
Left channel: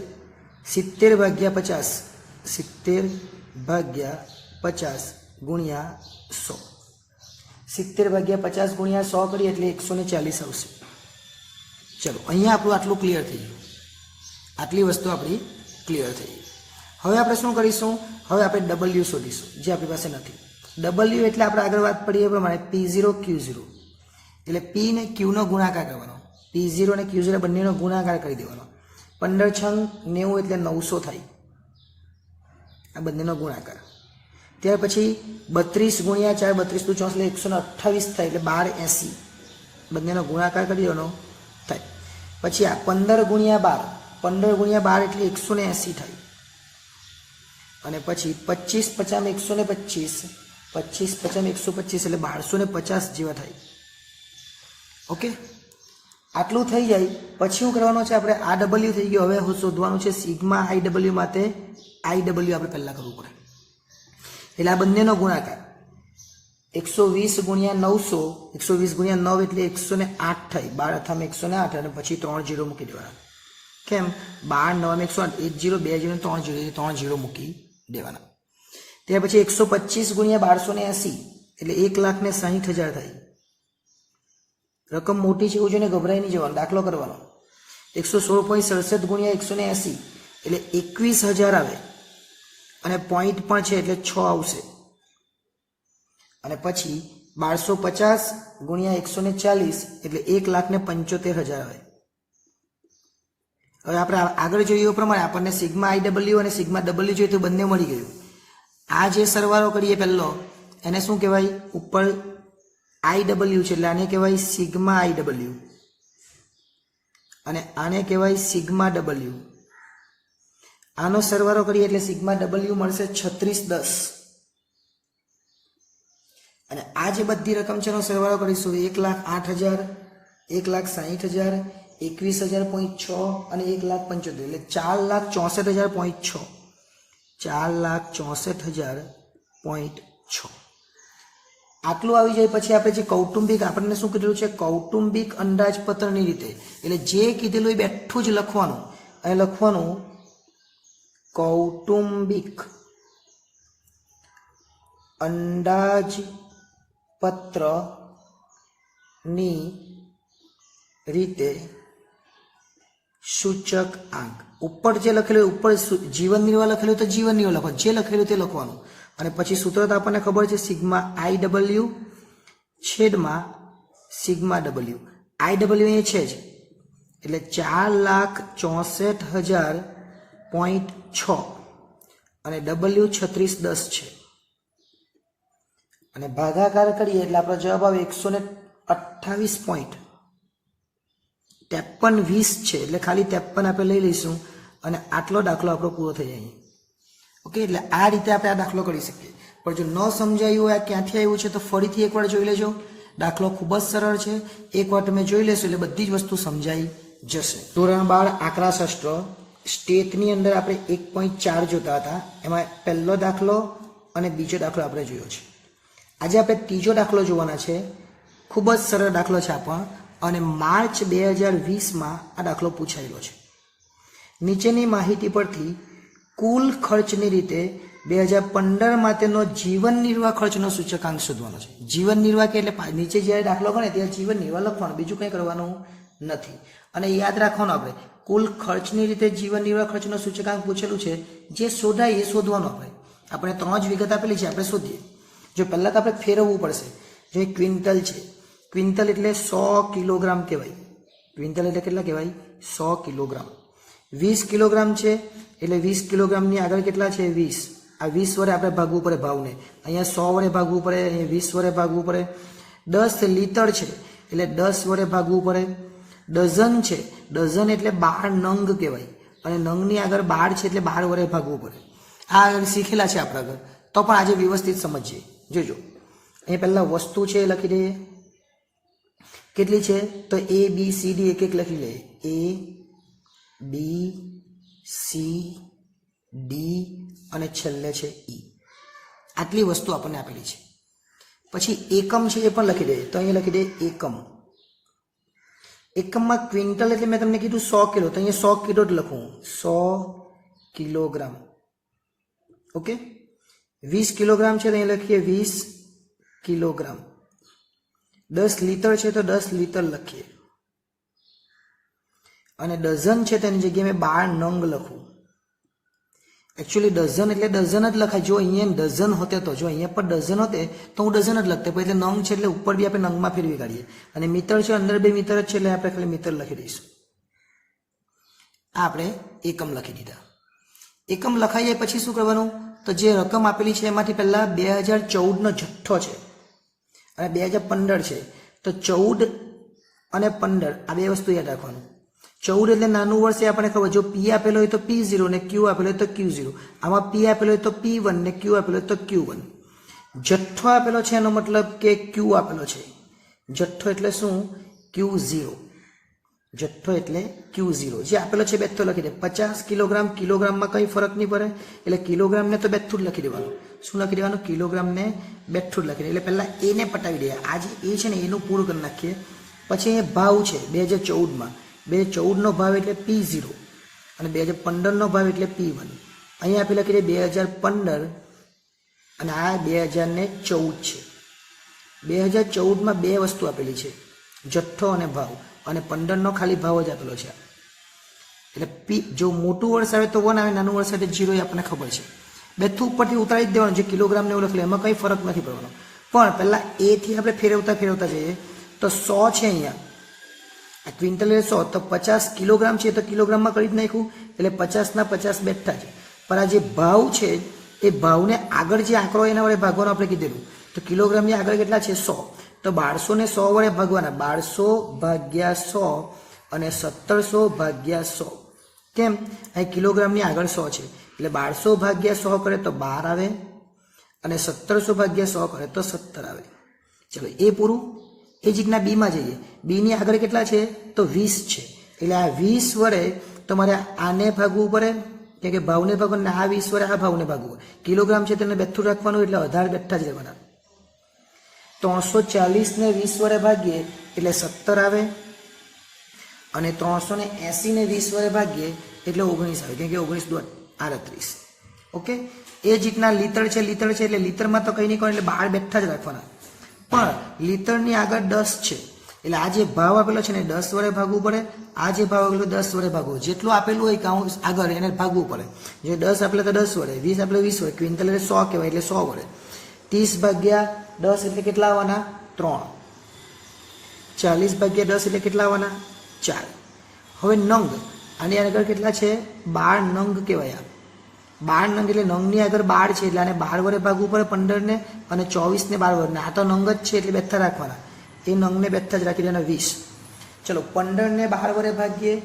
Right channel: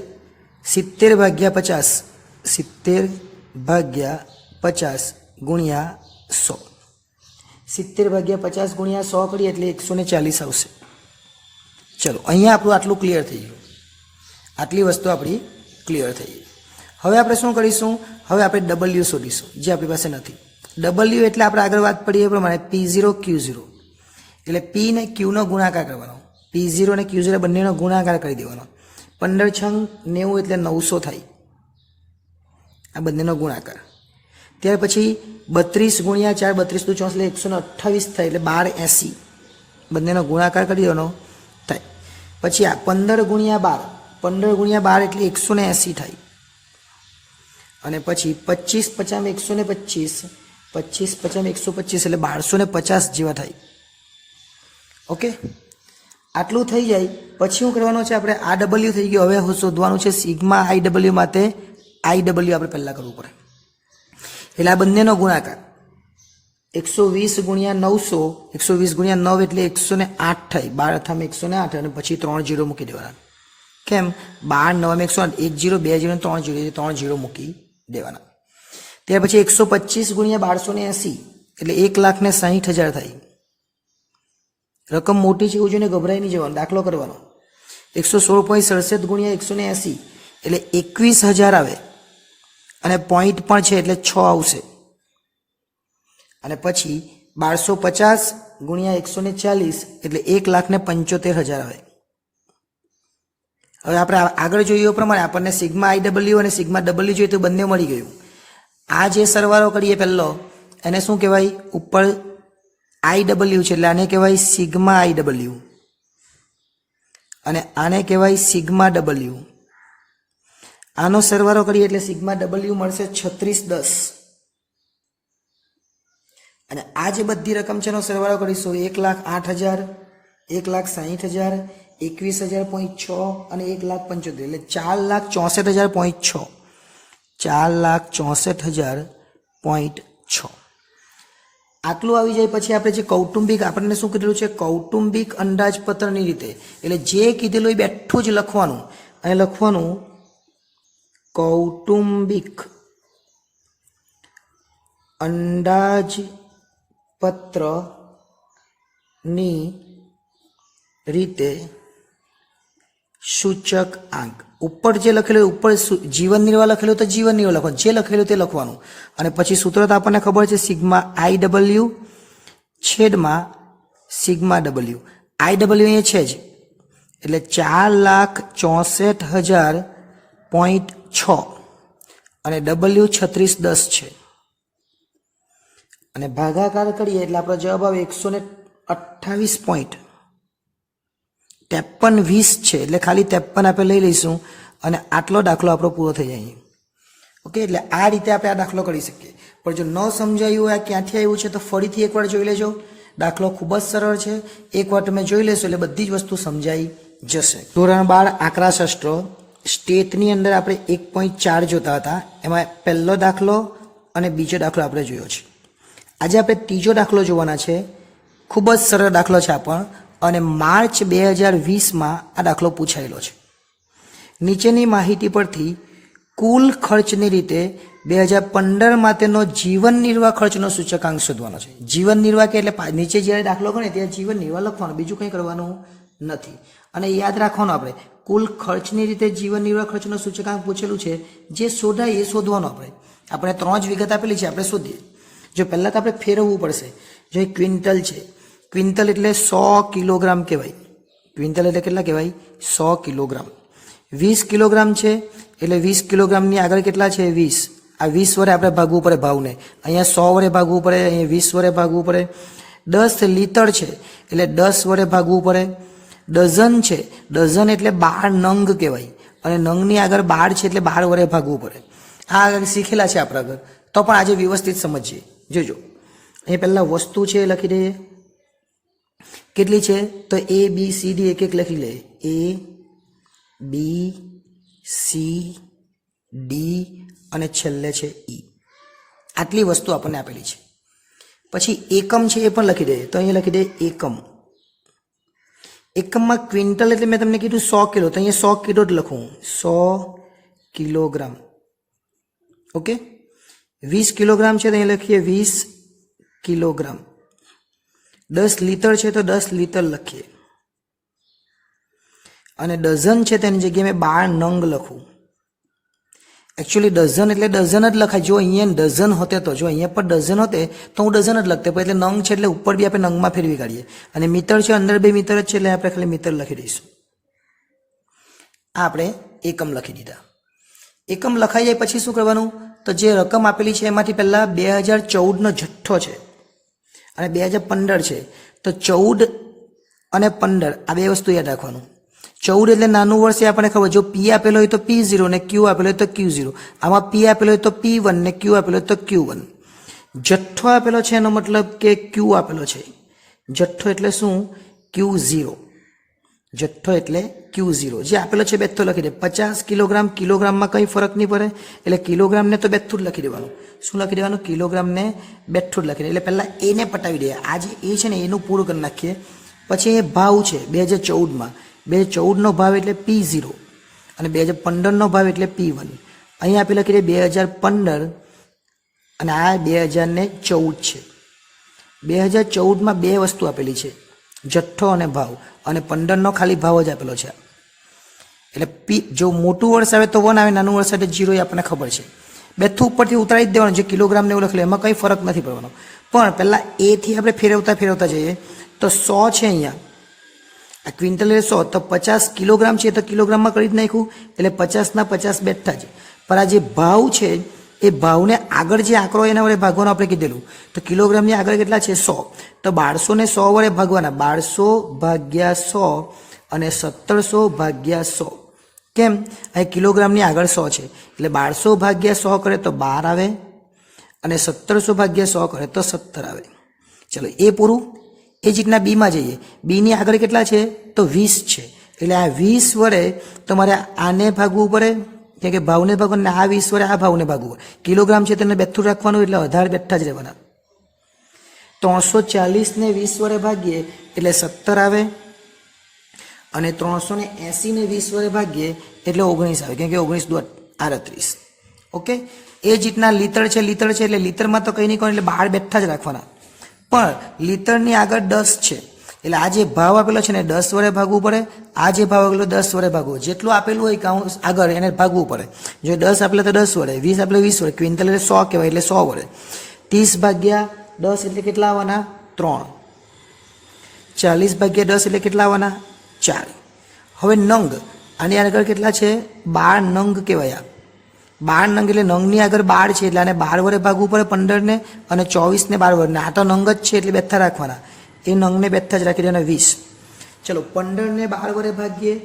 70/50, 70/50 ગુણ્યા 100. 70/50 ગુણ્યા 100 કરીએ એટલે 140 આવશે. ચલો, અહીંયા આપણું આટલું ક્લિયર થઈ ગયું. આટલી વસ્તુ આપણી ક્લિયર થઈ ગઈ. હવે આપણે શું કરીશું? હવે આપણે ડબલ્યુ શોધીશું, જે આપણી પાસે નથી. ડબલ્યુ એટલે આપણે આગળ વાત પડી એ પ્રમાણે P0Q0, એટલે P ને Q નો ગુણાકાર કરવાનો. P0 અને Q0 બંનેનો ગુણાકાર કરી દેવાનો. 15 છંગ 90 એટલે 900 થાય, આ બંનેનો ગુણાકાર. ત્યાર પછી 32 ગુણ્યા 4, 32 × 4 એટલે 128 થાય, એટલે 1280, બંનેનો ગુણાકાર કરી દેવાનો થાય. પછી આ 15 ગુણ્યા 12, 15 ગુણ્યા 12 એટલે 180 થાય. અને પછી 25 × 50 125, 25 × 50 125 એટલે 1250 જેવા થાય. ઓકે, આટલું થઈ જાય પછી શું કરવાનું છે? આપણે આ ડબલ્યુ થઈ ગયું. હવે શોધવાનું છે સિગ્મા IW. માટે IW આપણે પહેલાં કરવું પડે. એટલે આ બંનેનો ગુણાકાર 120 ગુણ્યા 900, 120 ગુણ્યા 9 એટલે 108 થાય. 12 થામે 108 અને પછી 3 0 મૂકી દેવાના. કેમ? 12 9 108, 1 0 2 0 3 0 એટલે 3 0 મૂકી દેવાના. ત્યાર પછી 125 ગુણ્યા 1280 એટલે 1,60,000 થાય. રકમ મોટી છે એવું જોઈને ગભરાઈ નહીં જવાનું, દાખલો કરવાનો. 116.67 ગુણ્યા 180 એટલે 21,000 આવે, અને પોઈન્ટ પણ છે એટલે 6 આવશે. અને પછી 1250 ગુણ્યા 140 એટલે 1,75,000 આવે. હવે આપણે આગળ જોઈએ પ્રમાણે આપણને સિગ્મા IW અને સિગ્મા W જોઈએ તો બંને મળી ગયું. આ જે સરવાળો કરીએ પહેલો એને શું કહેવાય? ઉપર IW છે એટલે આને કહેવાય સિગ્મા IW, અને આને કહેવાય સિગ્મા W. આનો સરવાળો કરીએ એટલે સિગ્મા W મળશે 3610. અને આ જે બધી રકમ છે એનો સરવાળો કરીશું 1,08,000, 1,60,000, 21,000.6 અને 1,75,000 એટલે 4,64,000.6, 4,64,000.6 આટલું આવી જાય પછી આપણે જે કૌટુંબિક આપણને શું કીધેલું છે કૌટુંબિક અંદાજપત્રની રીતે એટલે જે કીધેલું એ બેઠું જ લખવાનું અને લખવાનું કૌટુંબિક અંદાજપત્રની રીતે સૂચક આંક ઉપર જે લખેલું ઉપર જીવન નિર્વાહ લખેલું તો જીવન નિર્વાહ લખવાનું જે લખેલું તે લખવાનું અને પછી સૂત્ર તો આપણને ખબર છે સિગ્મા IW છેદમાં સિગ્મા W IW અહીંયા છે જ એટલે 4,64,000.6 અને W 3610 છે અને ભાગાકાર કરીએ એટલે આપણો જવાબ આવે 128.53 છે એટલે ખાલી 53 આપણે લઈ લઈશું અને આટલો દાખલો આપણો પૂરો થઈ જાય ઓકે એટલે આ રીતે આપણે આ દાખલો કરી શકીએ પણ જો ન સમજાયું હોય ક્યાંથી આવ્યું છે તો ફરીથી એકવાર જોઈ લેજો દાખલો ખૂબ જ સરળ છે એકવાર તમે જોઈ લેશો એટલે બધી જ વસ્તુ સમજાઈ જશે ધોરણ 12 આંકડાશાસ્ત્ર સ્ટેટની અંદર આપણે 1.4 જોતા હતા એમાં પહેલો દાખલો અને બીજો દાખલો આપણે જોયો છે આજે આપણે ત્રીજો દાખલો જોવાના છે ખૂબ જ સરળ દાખલો છે આપણ અને માર્ચ 2020માં આ દાખલો પૂછાયેલો છે નીચેની માહિતી પરથી કુલ ખર્ચની રીતે 2015 માટેનો જીવન નિર્વાહ ખર્ચનો સૂચકાંક શોધવાનો છે જીવન નિર્વાહ કે એટલે નીચે જ્યારે દાખલો ગણે ત્યાં જીવન નિર્વાહ લખવાનું બીજું કંઈ કરવાનું નથી અને યાદ રાખવાનું આપણે કુલ ખર્ચની રીતે જીવન નિર્વાહ ખર્ચનો સૂચકાંક પૂછેલું છે જે શોધાય એ શોધવાનો આપણે 3 જ વિગત આપેલી છે આપણે શોધીએ જો પહેલાં તો આપણે ફેરવવું પડશે જો ક્વિન્ટલ છે ક્વિન્ટલ એટલે 100 કિલોગ્રામ કહેવાય ક્વિન્ટલ એટલે કેટલા કહેવાય 100 કિલોગ્રામ 20 કિલોગ્રામ છે એટલે 20 કિલોગ્રામની આગળ કેટલા છે 20 આ 20 વડે આપણે ભાગવું પડે ભાવને અહીંયા 100 વડે ભાગવું પડે અહીંયા 20 વડે ભાગવું પડે 10 લીટર છે એટલે 10 વડે ભાગવું પડે ડઝન છે ડઝન એટલે 12 નંગ કહેવાય અને નંગની આગળ 12 છે એટલે 12 વડે ભાગવું પડે આ આગળ શીખેલા છે આપણે આગળ તો પણ આજે વ્યવસ્થિત સમજીએ જોજો અહીંયા પહેલાં વસ્તુ છે એ લખી દઈએ કેટલી છે તો A B C D એક એક લખી લઈએ A B C D અને છેલ્લે છે E આટલી વસ્તુ આપણને આપેલી છે પછી એકમ છે એ પણ લખી દઈએ તો અહીંયા લખી દઈએ એકમ એકમમાં ક્વિન્ટલ એટલે મેં તમને કીધું 100 કિલો તો અહીંયા 100 કિલો જ લખું 100 કિલોગ્રામ ઓકે 20 કિલોગ્રામ છે તો અહીંયા લખીએ 20 કિલોગ્રામ 10 લીટર છે તો 10 લીટર લખીએ અને ડઝન છે તેની જગ્યાએ મેં 12 નંગ લખું એકચ્યુઅલી ડઝન એટલે ડઝન જ લખાય જો અહીંયા ડઝન હોતે તો જો અહીંયા પર ડઝન હોતે તો હું ડઝન જ લખતે પણ એટલે નંગ છે એટલે ઉપર બી આપણે નંગમાં ફેરવી કાઢીએ અને મીટર છે અંદર 2 મીટર જ છે એટલે આપણે ખાલી મીટર લખી દઈશું આ આપણે એકમ લખી દીધા એકમ લખાઈ જાય પછી શું કરવાનું તો જે રકમ આપેલી છે એમાંથી પહેલાં 2014નો જથ્થો છે અને 2015 છે તો 14 અને 15 આ બે વસ્તુ યાદ રાખવાનું 14 એટલે નાનું વર્ષ એ આપણને ખબર જો P આપેલો હોય તો P0 ને Q આપેલો હોય તો Q0 આમાં P આપેલો હોય તો P1 ને Q આપેલો હોય તો Q1 જથ્થો આપેલો છે એનો મતલબ કે Q આપેલો છે જથ્થો એટલે શું Q0 જથ્થો એટલે Q0 જે આપેલો છે બેઠો લખી દે 50 કિલોગ્રામ કિલોગ્રામમાં કંઈ ફરક નહીં પડે એટલે કિલોગ્રામને તો બેઠું જ લખી દેવાનું શું લખી દેવાનું કિલોગ્રામને બેઠું જ લખી દે એટલે પહેલાં એને પટાવી દઈએ આ જે એ છે ને એનું પૂરું કરી નાખીએ પછી એ ભાવ છે 2014માં 2014નો ભાવ એટલે P0 અને 2015નો ભાવ એટલે P1 અહીંયા આપી લખી દે 2015 અને આ 2014 છે 2014માં બે વસ્તુ આપેલી છે જથ્થો અને ભાવ અને 15નો ખાલી ભાવ જ આપેલો છે એટલે પી જો મોટું વર્ષ આવે તો 1 આવે નાનું વર્ષ આવે તો 0 એ આપણને ખબર છે બેઠું ઉપરથી ઉતારી જ દેવાનું જે કિલોગ્રામને એવું લખેલું એમાં કંઈ ફરક નથી પડવાનો પણ પહેલાં એથી આપણે ફેરવતા જઈએ તો 100 છે અહીંયા આ ક્વિન્ટલ એટલે 100 તો 50 કિલોગ્રામ છે તો કિલોગ્રામમાં કરી જ નાખ્યું એટલે 50ના 50 બેઠા જ પણ આ જે ભાવ છે એ ભાવને આગળ જે આંકડો એના વડે ભાગવાનો આપણે કીધેલું તો કિલોગ્રામની આગળ કેટલા છે 100 તો 1200 ને 100 વડે ભાગવાના 1200 ભાગ્યા 100 અને 1700 ભાગ્યા 100 કેમ અહીં કિલોગ્રામની આગળ 100 છે એટલે 1200 ભાગ્યા 100 કરે તો 12 આવે અને 1700 ભાગ્યા 100 કરે તો 17 આવે ચલો એ પૂરું. એ જ રીતના બીમાં જઈએ. બીની આગળ કેટલા છે તો 20 છે, એટલે આ 20 વડે તમારે આને ભાગવું પડે, કેમ કે ભાવને ભાગવું, અને આ 20 વડે આ ભાવને ભાગવું. કિલોગ્રામ છે તેને બેઠું રાખવાનું, એટલે 18 બેઠા જ રહેવાના. 340 ને 20 વડે ભાગીએ એટલે 17 આવે, અને 380 ને 20 વડે ભાગીએ એટલે 19 આવે, કેમ કે 19 દુ 38. ઓકે. એ જ રીતના લીટર છે એટલે લીટરમાં તો કંઈ નહીં કરો, એટલે 12 બેઠા જ રાખવાના. પણ લીટરની આગળ 10 છે, એટલે આ જે ભાવ આપેલો છે ને 10 વડે ભાગવું પડે, આ જે ભાવ આપેલો 10 વડે ભાગવું, જેટલું આપેલું હોય કાઉન્સ આગળ એને ભાગવું પડે. જો 10 આપેલો તો 10 વડે, 20 આપેલો 20 વડે, ક્વિન્ટલ એટલે 100 કહેવાય એટલે 100 વડે. 30 ભાગ્યા 10 એટલે કેટલા આવવાના 3. 40 ભાગ્યા 10 એટલે કેટલા આવવાના 4. હવે નંગ, આની આગળ કેટલા છે 12 નંગ કહેવાય. 12 નંગ એટલે નંગની આગળ 12 છે, એટલે આને 12 વડે ભાગવું પડે 15 ને, અને 24 ને 12 વડે. આ તો નંગ જ છે એટલે બેઠા રાખવાના, એ નંગને બેઠા જ રાખી દેવાના 20. ચલો 15 ને 12 વડે ભાગીએ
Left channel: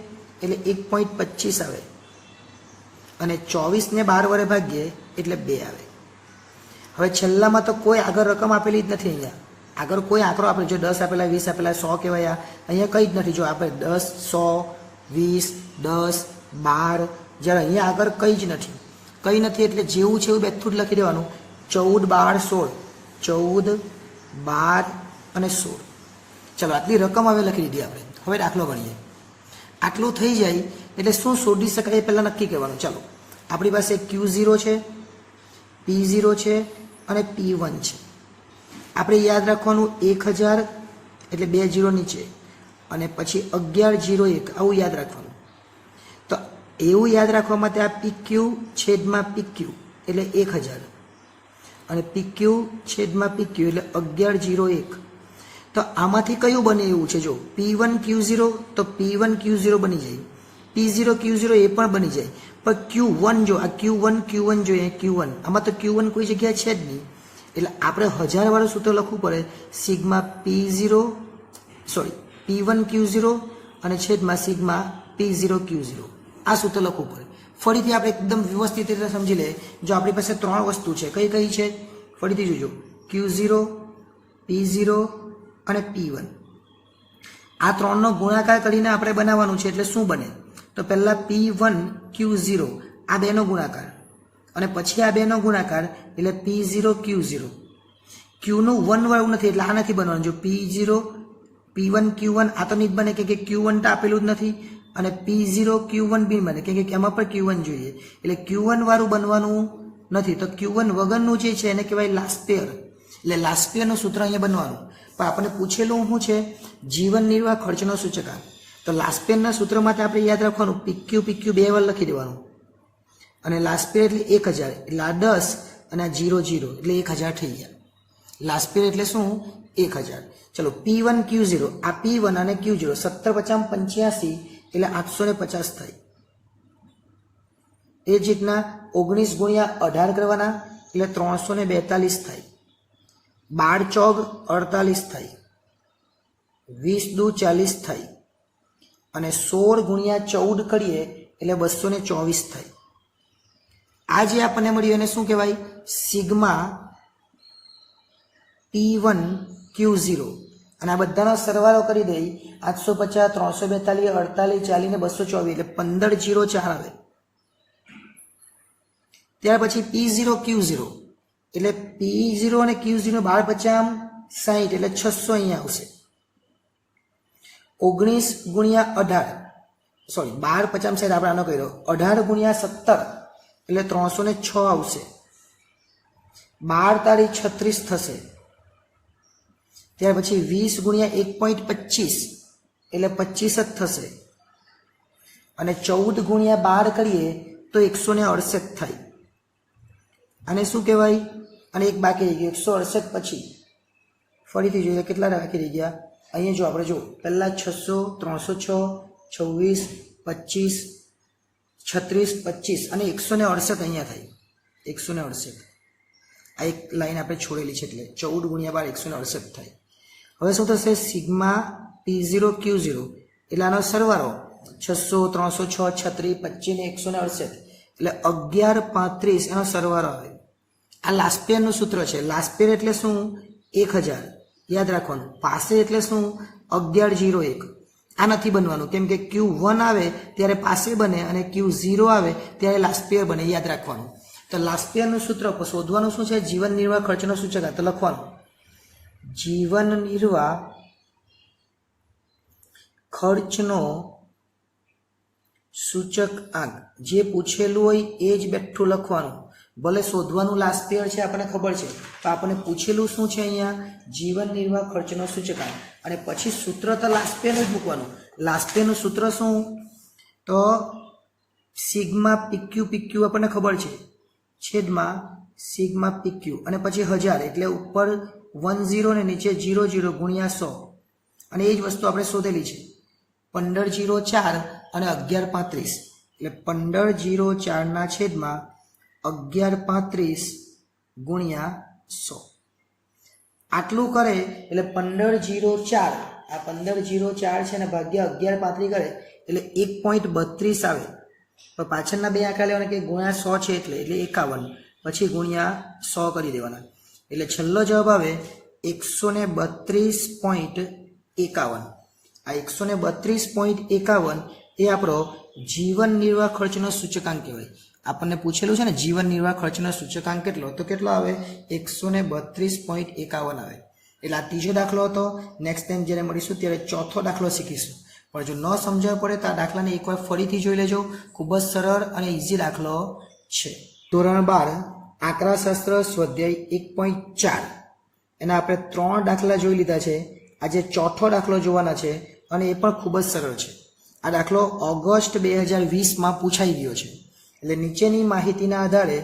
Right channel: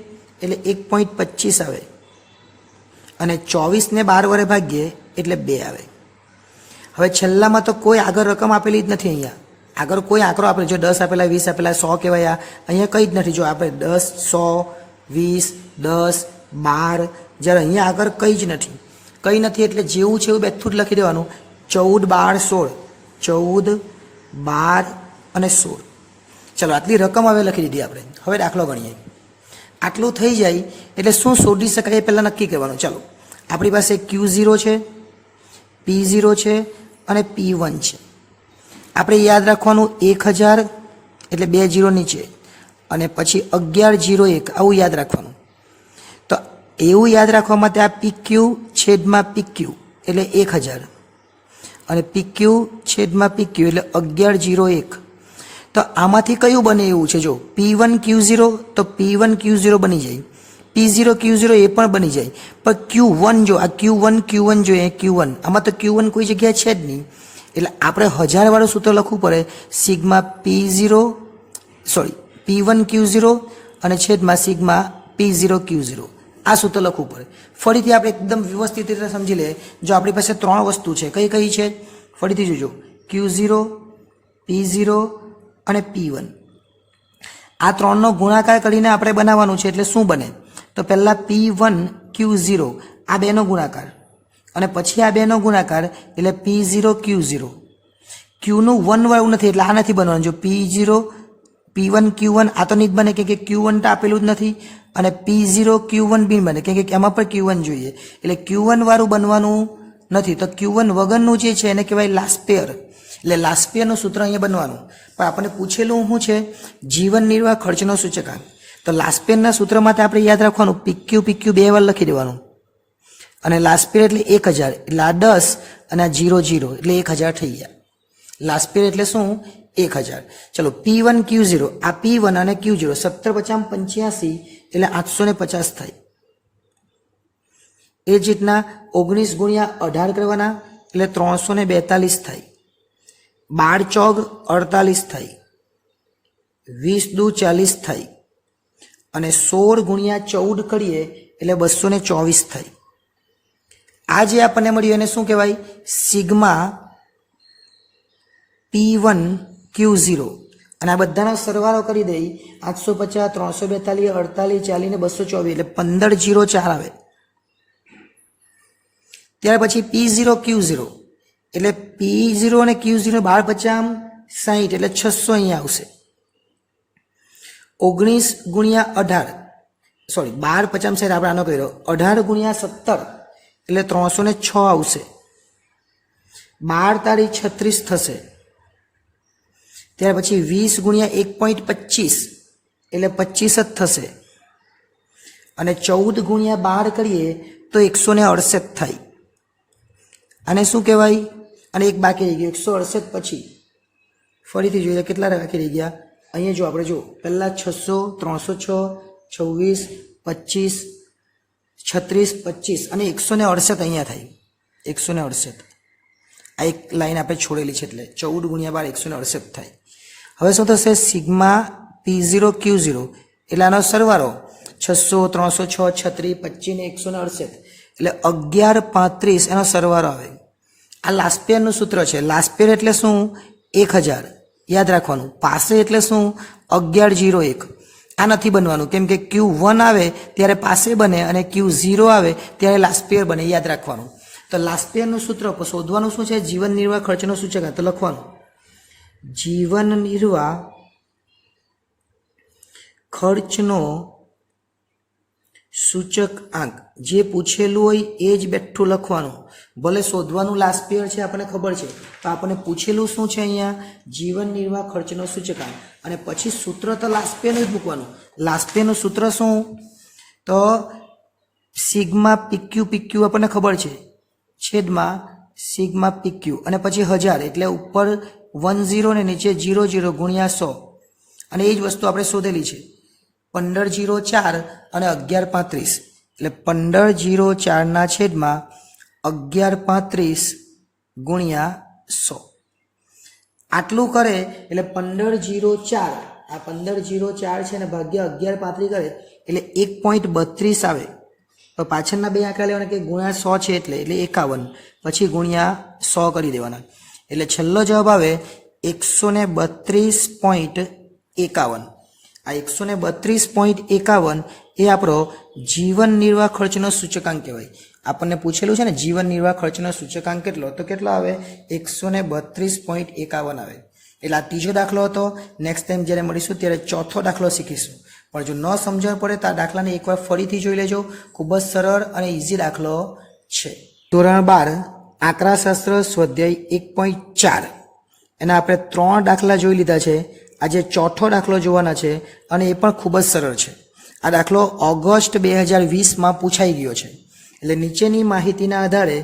એટલે 1.25 આવે, અને 24 ને 12 વડે ભાગીએ એટલે 2 આવે. હવે છેલ્લામાં તો કોઈ આગળ રકમ આપેલી જ નથી. અહીંયા આગળ કોઈ આંકડો આપેલો, જો 10 આપેલા 20 આપેલા 100 કહેવાય, અહીંયા કંઈ જ નથી. જો આપણે 10 100 20 10 12, જ્યારે અહીંયા આગળ કંઈ જ નથી. કંઈ નથી એટલે જેવું છે એવું બેઠું જ લખી દેવાનું. 14 12 16, 14 12 અને 16. ચલો આટલી રકમ હવે લખી દીધી આપણે. હવે દાખલો ગણીએ. આટલું થઈ જાય એટલે શું શોધી શકાય એ પહેલાં નક્કી કરવાનું. ચલો આપણી પાસે Q0 છે, P0 છે અને P1 છે. આપણે યાદ રાખવાનું 1000 એટલે 2 0 નીચે, અને પછી 1101 આવું યાદ રાખવાનું. તો એવું યાદ રાખવા માટે આ PQ છેદમાં PQ એટલે 1000, અને PQ છેદમાં PQ એટલે 1101. તો આમાંથી કયું બને એવું છે? જો P1 Q0 તો P1 Q0 બની જાય, P0 Q0 એ પણ બની જાય, પણ Q1 જો આ Q1 જોઈએ, Q1 આમાં તો Q1 કોઈ જગ્યાએ છે જ નહીં, એટલે આપણે 1000 વાળું સૂત્ર લખવું પડે. સિગ્મા P1 Q0 અને છેદમાં સિગ્મા P0 Q0, આ સૂત્ર લખવું પડે. ફરીથી આપણે એકદમ વ્યવસ્થિત રીતે સમજી લઈએ. જો આપણી પાસે 3 વસ્તુ છે, કઈ કઈ છે ફરીથી જોજો. Q0 P0 અને P1, આ 3નો ગુણાકાર કરીને આપણે બનાવવાનું છે. એટલે શું બને? તો પહેલા P1 Q0 આ બેનો ગુણાકાર, અને પછી આ બેનો ગુણાકાર એટલે P0 Q0. Qનું 1 વાળું નથી એટલે આ નથી બનવાનું. જો P0 P1 Q1 આ તો નહીં જ બને, કે Q1 તો આપેલું જ નથી, અને P0 Q1 બી બને, કે એમાં પણ Q1 જોઈએ, એટલે Q1 વાળું બનવાનું નથી. તો Q1 વગરનું જે છે એને કહેવાય લાસ્ટ પેયર, એટલે લાસ્ટ પેયરનું સૂત્ર અહીંયા બનવાનું. પણ આપણને પૂછેલું શું છે? જીવન નિર્વાહ ખર્ચનો સૂચકાંક. તો લાસ્ટ પેયરના સૂત્ર માટે આપણે યાદ રાખવાનું PQ 2 વાર લખી દેવાનું, અને લાસ્ટ પેયર એટલે 1000, એટલે આ 10 અને આ 0 0 એટલે 1000 થઈ ગયા. લાસ્ટ પેયર એટલે શું? 1000. ચલો P1 Q0, આ P1 અને Q0 17 50 85 એટલે 850 થાય. એ જ રીતના 19 ગુણ્યા 18 કરવાના એટલે 342 થાય. 12 ચોક 48 થાય, 20 દુ 40 થાય, અને 16 ગુણ્યા 14 કરીએ એટલે 224 થાય. આ જે આપણને મળ્યું એને શું કહેવાય? Sigma P1 Q0. અને આ બધાનો સરવાળો કરી દઈ 850 342 48 40 ને 224 એટલે 1504 આવે. ત્યાર પછી P0 Q0 એટલે P0 અને Q0 12 50 60 એટલે 600 અહીંયા આવશે. 19 ગુણ્યા 18 12 50 60 આપણે આનો કર્યો, 18 ગુણ્યા 17 એટલે 306 આવશે. 12 તારીખ 36 થશે. ત્યાર પછી 20 ગુણ્યા 1.25 એટલે 25 જ થશે, અને 14 ગુણ્યા 12 કરીએ તો 168 થાય. આને શું કહેવાય? અને એક બાકી રહી ગયું 168. પછી ફરીથી જોઈએ કેટલા બાકી રહી ગયા. અહીંયા જો આપણે જો પહેલાં 600 306 26 25 36 25 અને 168 અહીંયા થાય. 168 આ એક લાઈન આપણે છોડેલી છે, એટલે 14 ગુણ્યા 12 168 થાય. હવે શું થશે? સિગ્મા P0 Q0 એટલે આનો સરવાળો 600 306 36 25 ને 168 એટલે 1135 એનો સરવાળો આવે. આ લાસ્ટ પેયરનું સૂત્ર છે. લાસ્ટ પેયર એટલે શું? 1000. યાદ રાખવાનું. પાસે એટલે શું? 1101. આ નથી બનવાનું, કેમ કે Q1 આવે ત્યારે પાસે બને અને Q0 આવે ત્યારે લાસ્પિયર બને. યાદ રાખવાનું. તો લાસ્પિયરનું સૂત્ર શોધવાનું શું છે? જીવન નિર્વાહ ખર્ચનો સૂચકાંક. તો લખવાનું જીવન નિર્વાહ ખર્ચનો સૂચકાંક. જે પૂછેલું હોય એ જ બેઠું લખવાનું. ભલે શોધવાનું લાસ્પિયર છે આપણને ખબર છે, તો આપણને પૂછેલું શું છે અહીંયા? જીવન નિર્વાહ ખર્ચનો સૂચકાંક. અને પછી સૂત્ર તો લાસ્પિયરનું જ મૂકવાનું. લાસ્પિયરનું સૂત્ર શું? તો સિગ્મા પીક્યુ, પીક્યુ આપણને ખબર છે, છેદમાં સિગ્મા પીક્યુ અને પછી 1000 એટલે ઉપર 10 ને નીચે 00 ગુણ્યા 100. અને એ જ વસ્તુ આપણે શોધેલી છે. 1504 અને 1135 એટલે 1504 ના છેદમાં 1135 ગુણ્યા 100. આટલું કરે એટલે 1504, આ 1504 છે ને ભાગ્યા 1135 કરે એટલે 1.32 આવે. તો પાછળના બે આંકડા લેવાના કે ગુણ્યા 100 છે એટલે 51, પછી ગુણ્યા 100 કરી દેવાના. એટલે છેલ્લો જવાબ આવે 132.51. આ 132.51 એ આપણો જીવન નિર્વાહ ખર્ચનો સૂચકાંક કહેવાય. આપણને પૂછેલું છે ને જીવન નિર્વાહ ખર્ચનો સૂચકાંક કેટલો? તો કેટલો આવે? 132.51 આવે. એટલે આ ત્રીજો દાખલો હતો. નેક્સ્ટ ટાઈમ જ્યારે મળીશું ત્યારે ચોથો દાખલો શીખીશું. પણ જો ન સમજણ પડે તો આ દાખલાને એકવાર ફરીથી જોઈ લેજો. ખૂબ જ સરળ અને ઇઝી દાખલો છે. ધોરણ 12 આંકડાશાસ્ત્ર સ્વાધ્યાય 1.4 એના આપણે 3 દાખલા જોઈ લીધા છે. આજે ચોથો દાખલો જોવાના છે અને એ પણ ખૂબ જ સરળ છે. આ દાખલો ઓગસ્ટ 2020માં પૂછાઈ ગયો છે. એટલે નીચેની માહિતીના આધારે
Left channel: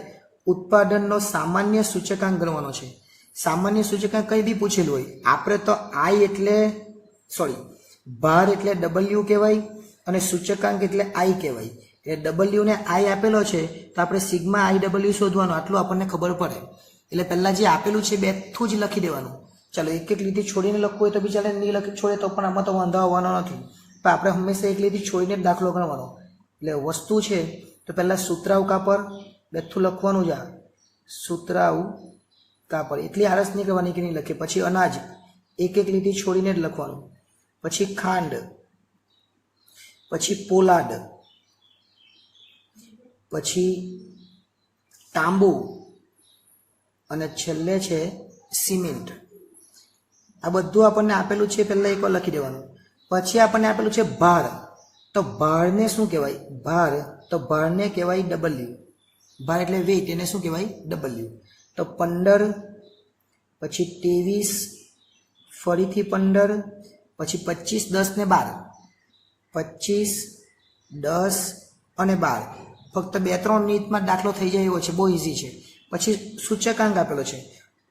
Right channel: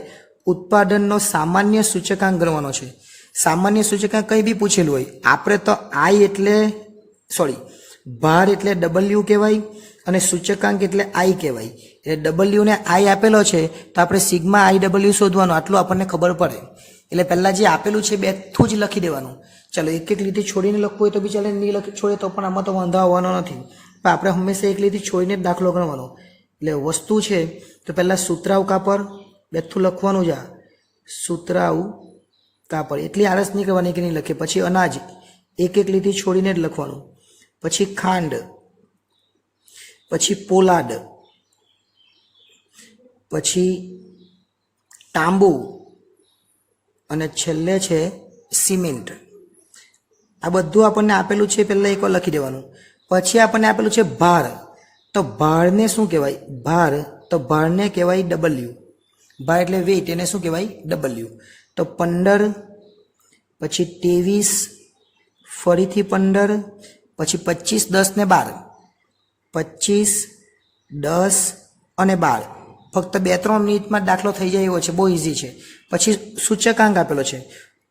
ઉત્પાદનનો સામાન્ય સૂચકાંક ગણવાનો છે. સામાન્ય સૂચકાંક કંઈ બી પૂછેલું હોય, આપણે તો ભાર એટલે W કહેવાય અને સૂચકાંક એટલે I કહેવાય. એટલે W ને I આપેલો છે તો આપણે સિગ્મા IW શોધવાનું, આટલું આપણને ખબર પડે. એટલે પહેલાં જે આપેલું છે બેઠું જ લખી દેવાનું. ચાલો એક એક લીટી છોડીને લખવું હોય તો બી ચાલે, નહીં લખી છોડે તો પણ આમાં તો વાંધો આવવાનો નથી. પણ આપણે હંમેશા એક લીટી છોડીને જ દાખલો ગણવાનો. એટલે વસ્તુ છે તો પહેલાં સૂત્રાવ કાપડ બેઠું લખવાનું જ. આ સૂત્રાવ કાપડ એટલી આળસ નહીં કરવાની કે નહીં લખે. પછી અનાજ એક એક લીટી છોડીને જ લખવાનું. પછી ખાંડ, પછી પોલાદ, પછી તાંબુ અને છેલ્લે છે સિમેન્ટ. આ બધું આપણને આપેલું છે, પહેલાં એકવાર લખી દેવાનું. પછી આપણને આપેલું છે ભાર. તો ભારને શું કહેવાય? ભાર તો ભારને કહેવાય W. ભાર એટલે વેઇટ, એને શું કહેવાય? W. તો 15, પછી 23, ફરીથી 15, પછી 25, 10 ને 12, 25, 10 અને 12. ફક્ત 2-3 મિનિટમાં દાખલો થઈ જાય એવો છે, બહુ ઇઝી છે. પછી સૂચકાંક આપેલો છે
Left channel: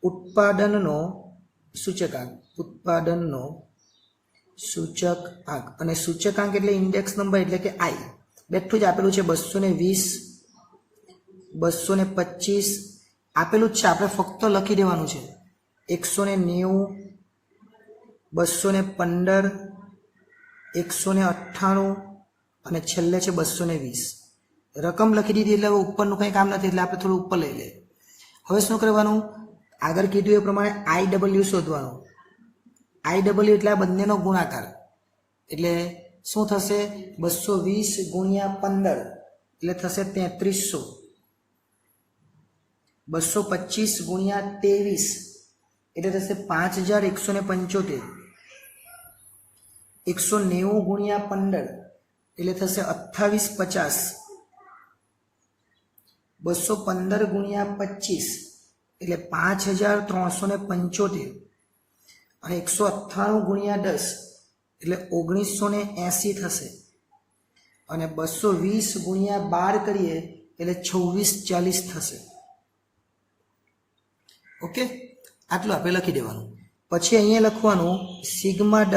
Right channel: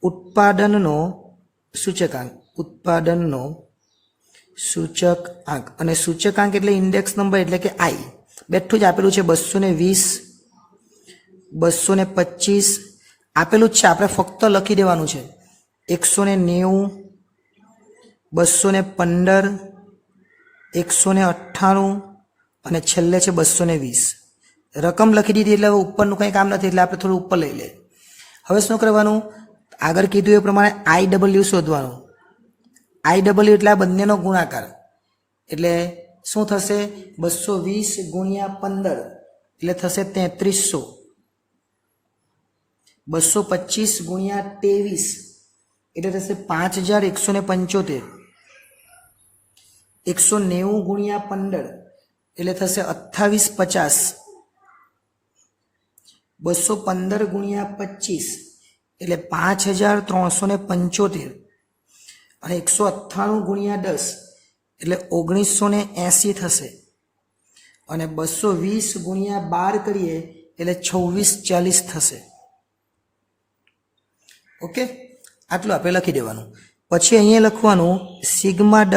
ઉત્પાદનનો સૂચકાંક, ઉત્પાદનનો સૂચકાંક. અને સૂચકાંક એટલે ઇન્ડેક્સ નંબર એટલે કે I. બેઠું જ આપેલું છે 220, 225 આપેલું જ છે. આપણે ફક્ત લખી દેવાનું છે 190, 215, 198 અને છેલ્લે છે 220. રકમ લખી દીધી એટલે હવે ઉપરનું કંઈ કામ નથી, એટલે આપણે થોડું ઉપર લઈ લે. હવે શું કરવાનું? આગળ કીધું એ પ્રમાણે IW શોધવાનું. IW એટલે આ બંનેનો ગુણાકાર. એટલે શું થશે? 220 ગુણ્યા 15 એટલે થશે 3300. 225 ગુણ્યા 23 એટલે થશે 5175. 190 ગુણ્યા 15 એટલે થશે 2850. 215 ગુણ્યા 25 એટલે 5375. અને 198 ગુણ્યા 10 એટલે 1980 થશે. અને 220 ગુણ્યા 12 કરીએ એટલે 2640 થશે. ઓકે, આટલું આપણે લખી દેવાનું. પછી અહીંયા લખવાનું સિગ્મા W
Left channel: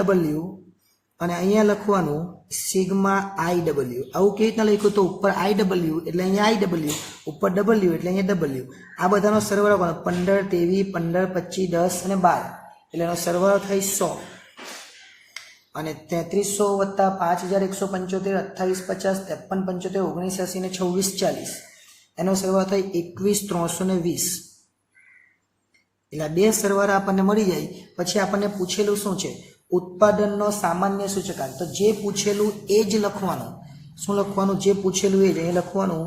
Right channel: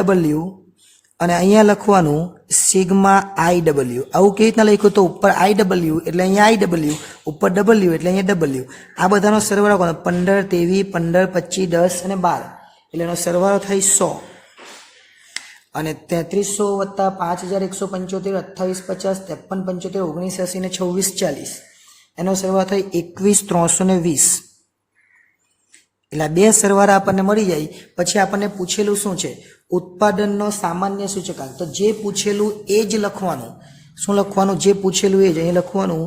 અને અહીંયા લખવાનું સિગ્મા IW. આવું કેવી રીતના લખ્યું? તો ઉપર IW એટલે અહીંયા IW, ઉપર W એટલે અહીંયા W. આ બધાનો સરવાળો કોનો? 15, 23, 15, 25, 10 અને 12 એટલે એનો સરવાળો થાય 100. અને 3300 વત્તા 5175, 2850, 5375, 1980 ને 2640 એનો સરવાળો થાય 21320. એટલે આ બે સરવાળા આપણને મળી જાય. પછી આપણને પૂછેલું શું છે? ઉત્પાદનનો સામાન્ય સૂચકાંક. તો જે પૂછેલું એ જ લખવાનું. શું લખવાનું? જે પૂછેલું એ જ અહીં લખવાનું.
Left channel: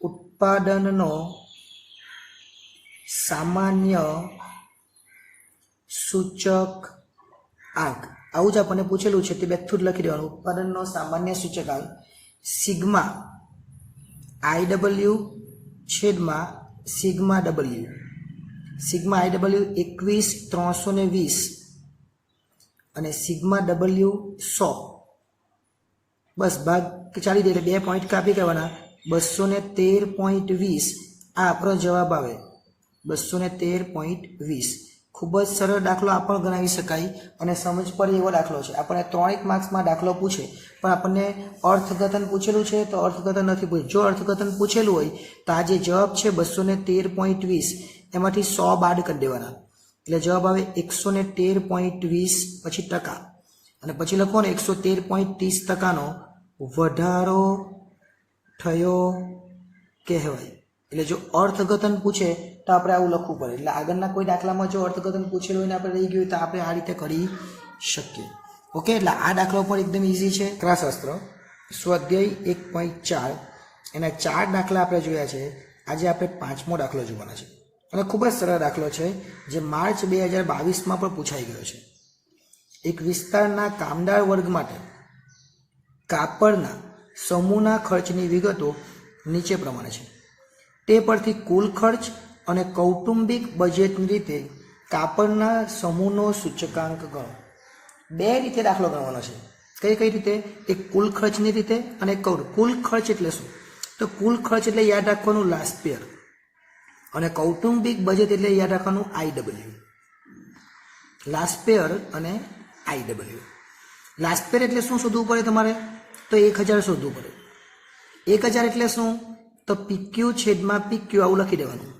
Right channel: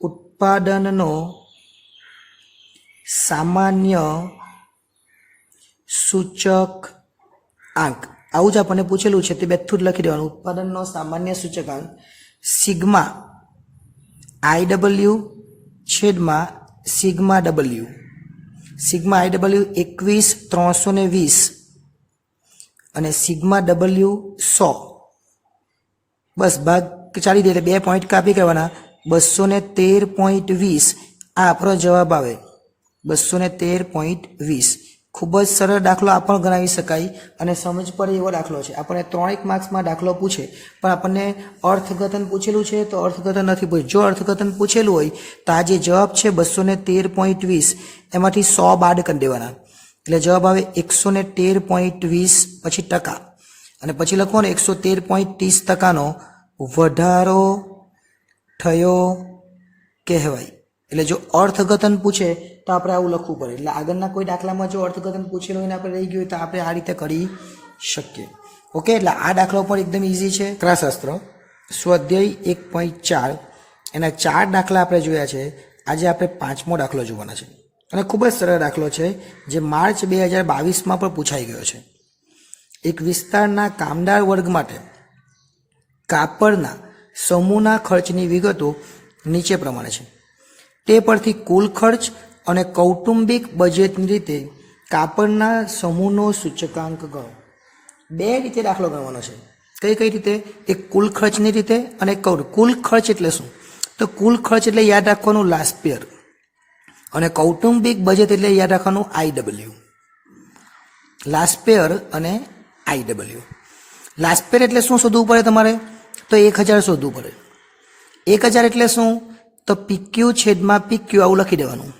ઉત્પાદનનો સામાન્ય સૂચક આંક. આવું જ આપણને પૂછેલું છે તે બેઠું જ લખી દેવાનું. ઉત્પાદનનો સામાન્ય સૂચકાંક સિગ્મા IW છેદમાં સિગ્મા W. સિગ્મા IW 21,320 અને સિગ્મા W 100. બસ ભાગ ચાલી દે એટલે 2 પોઈન્ટ કાપી કરવાના. 213.20 આ આપણો જવાબ આવે. 213.20. ખૂબ જ સરળ દાખલો આ પણ ગણાવી શકાય અને સમજ પડે એવો દાખલો છે. આપણને 3 માર્ક્સમાં દાખલો પૂછે પણ આપણને અર્થઘટન પૂછેલું છે તો અર્થઘટન નથી પૂછ્યું. જો અર્થઘટન પૂછેલું હોય તો આ જે જવાબ છે 213.20 એમાંથી 100 બાદ કરી દેવાના એટલે જવાબ આવે 113.20 પછી ટકા અને પછી લખો ને 113.30% વધારો થયો કહેવાય. એટલે જો અર્થઘટન પૂછે તો આપણે આવું લખવું પડે. એટલે આગળના કોઈ દાખલામાં જો અર્થઘટન પૂછેલું હોય ને આપણે રહી ગયું હોય તો આપણે આ રીતે કરી શકીએ. ઓકે, એટલે આ દાખલો પણ એકદમ ઇઝી છે. આંકડાશાસ્ત્ર સ્વાધ્યાય 1.4 એના 4 દાખલા આપણે જોયા છે. આજે આપણે 5મો દાખલો જોવાના છે અને ખૂબ જ સરળ દાખલો છે જે માર્ચ 2022માં પણ પૂછાઈ ગયો છે. એક વિસ્તારના કામદાર વર્ગ માટે કાપડના સમૂહના ખર્ચની વિગતો નીચે પ્રમાણે છે. તે પરથી કુલ ખર્ચ અને કૌટુંબિક બજેટની રીતે કાપડના સમૂહનો સૂચકાંક ગણો. 2 રીતે દાખલો ગણવાનો છે. કઈ રીતે? એક કુલ ખર્ચની રીતે અને કુલ ખર્ચ એટલે શું? તો કુલ ખર્ચ એટલે યાદ રાખવાનું લાસ્ટ યર અને કૌટુંબિક બજેટ એટલે યાદ રાખવાનું IW. લાસ્ટ યર અને IW. લાસ્ટ યર એટલે શું શોધવું પડે તમારે? તો 1000 શોધવું પડે. 1000 એટલે શું? તો PQ છેદમાં PQ આવું લખી દેવાનું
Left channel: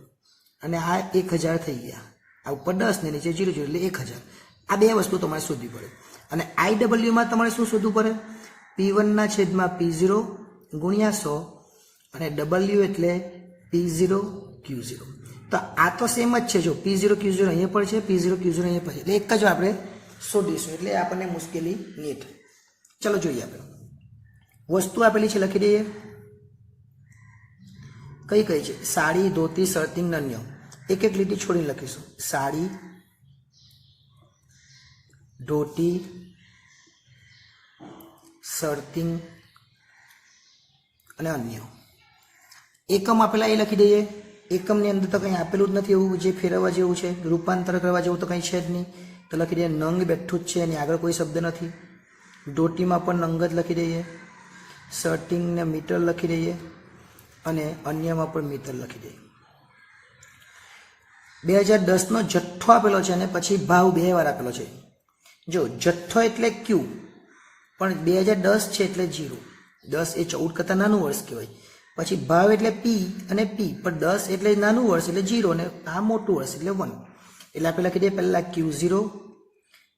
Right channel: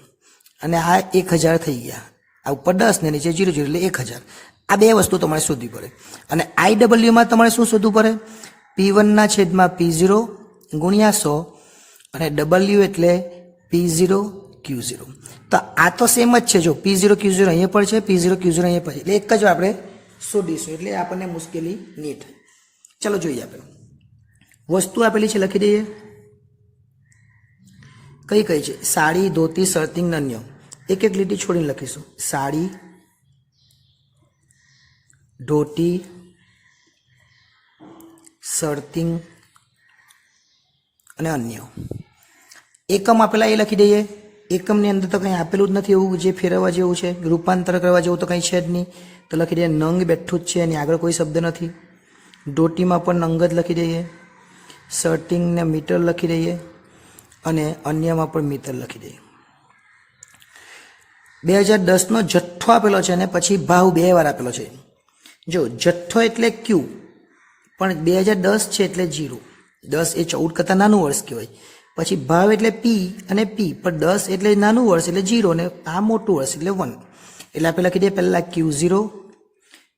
અને આ 1000 થઈ ગયા. આ ઉપર 10 ને નીચે 0 એટલે 1000. આ 2 વસ્તુ તમારે શોધવી પડે. અને IW માં તમારે શું શોધવું પડે? P1 ના છેદમાં P0 ગુણ્યા 100 અને W એટલે P0 Q0. તો આ તો સેમ જ છે. જો P0 Q0 અહીંયા પર છે, P0 Q0 અહીંયા પર છે એટલે એક જ આપણે શોધીશું એટલે આપણને મુશ્કેલી નહીં થાય. ચલો જોઈએ. આપણે વસ્તુ આપેલી છે લખી દઈએ. કઈ છે? સાડી, ધોતી, શર્ટિંગ, અન્ય. એક એક લીટી છોડીને લખીશું. સાડી, ધોતી, શર્ટિંગ અને અન્ય. એકમ આપેલા એ લખી દઈએ. એકમની અંદર તો કંઈ આપેલું જ નથી એવું જે ફેરવવા જેવું છે. રૂપાંતર કરવા જેવું તો કંઈ છે જ નહીં તો લખી દઈએ નંગ બેઠું જ છે એની આગળ કોઈ શબ્દ નથી. ધોતીમાં પણ નંગ જ લખી દઈએ. શર્ટિંગને મીટર લખી દઈએ અને અન્યમાં પણ મીટર લખી દઈએ. 2010નો જથ્થો આપેલો છે અને પછી ભાવ 2 વાર આપેલો છે. જો જથ્થો એટલે Q પણ 2010 છે એટલે 0. 10 એ 14 કરતાં નાનું વર્ષ કહેવાય. પછી ભાવ એટલે P અને P પણ 10 એટલે નાનું વર્ષ એટલે 0 ને આ મોટું વર્ષ એટલે 1. એટલે આપણે લખી દઈએ પહેલાં Q0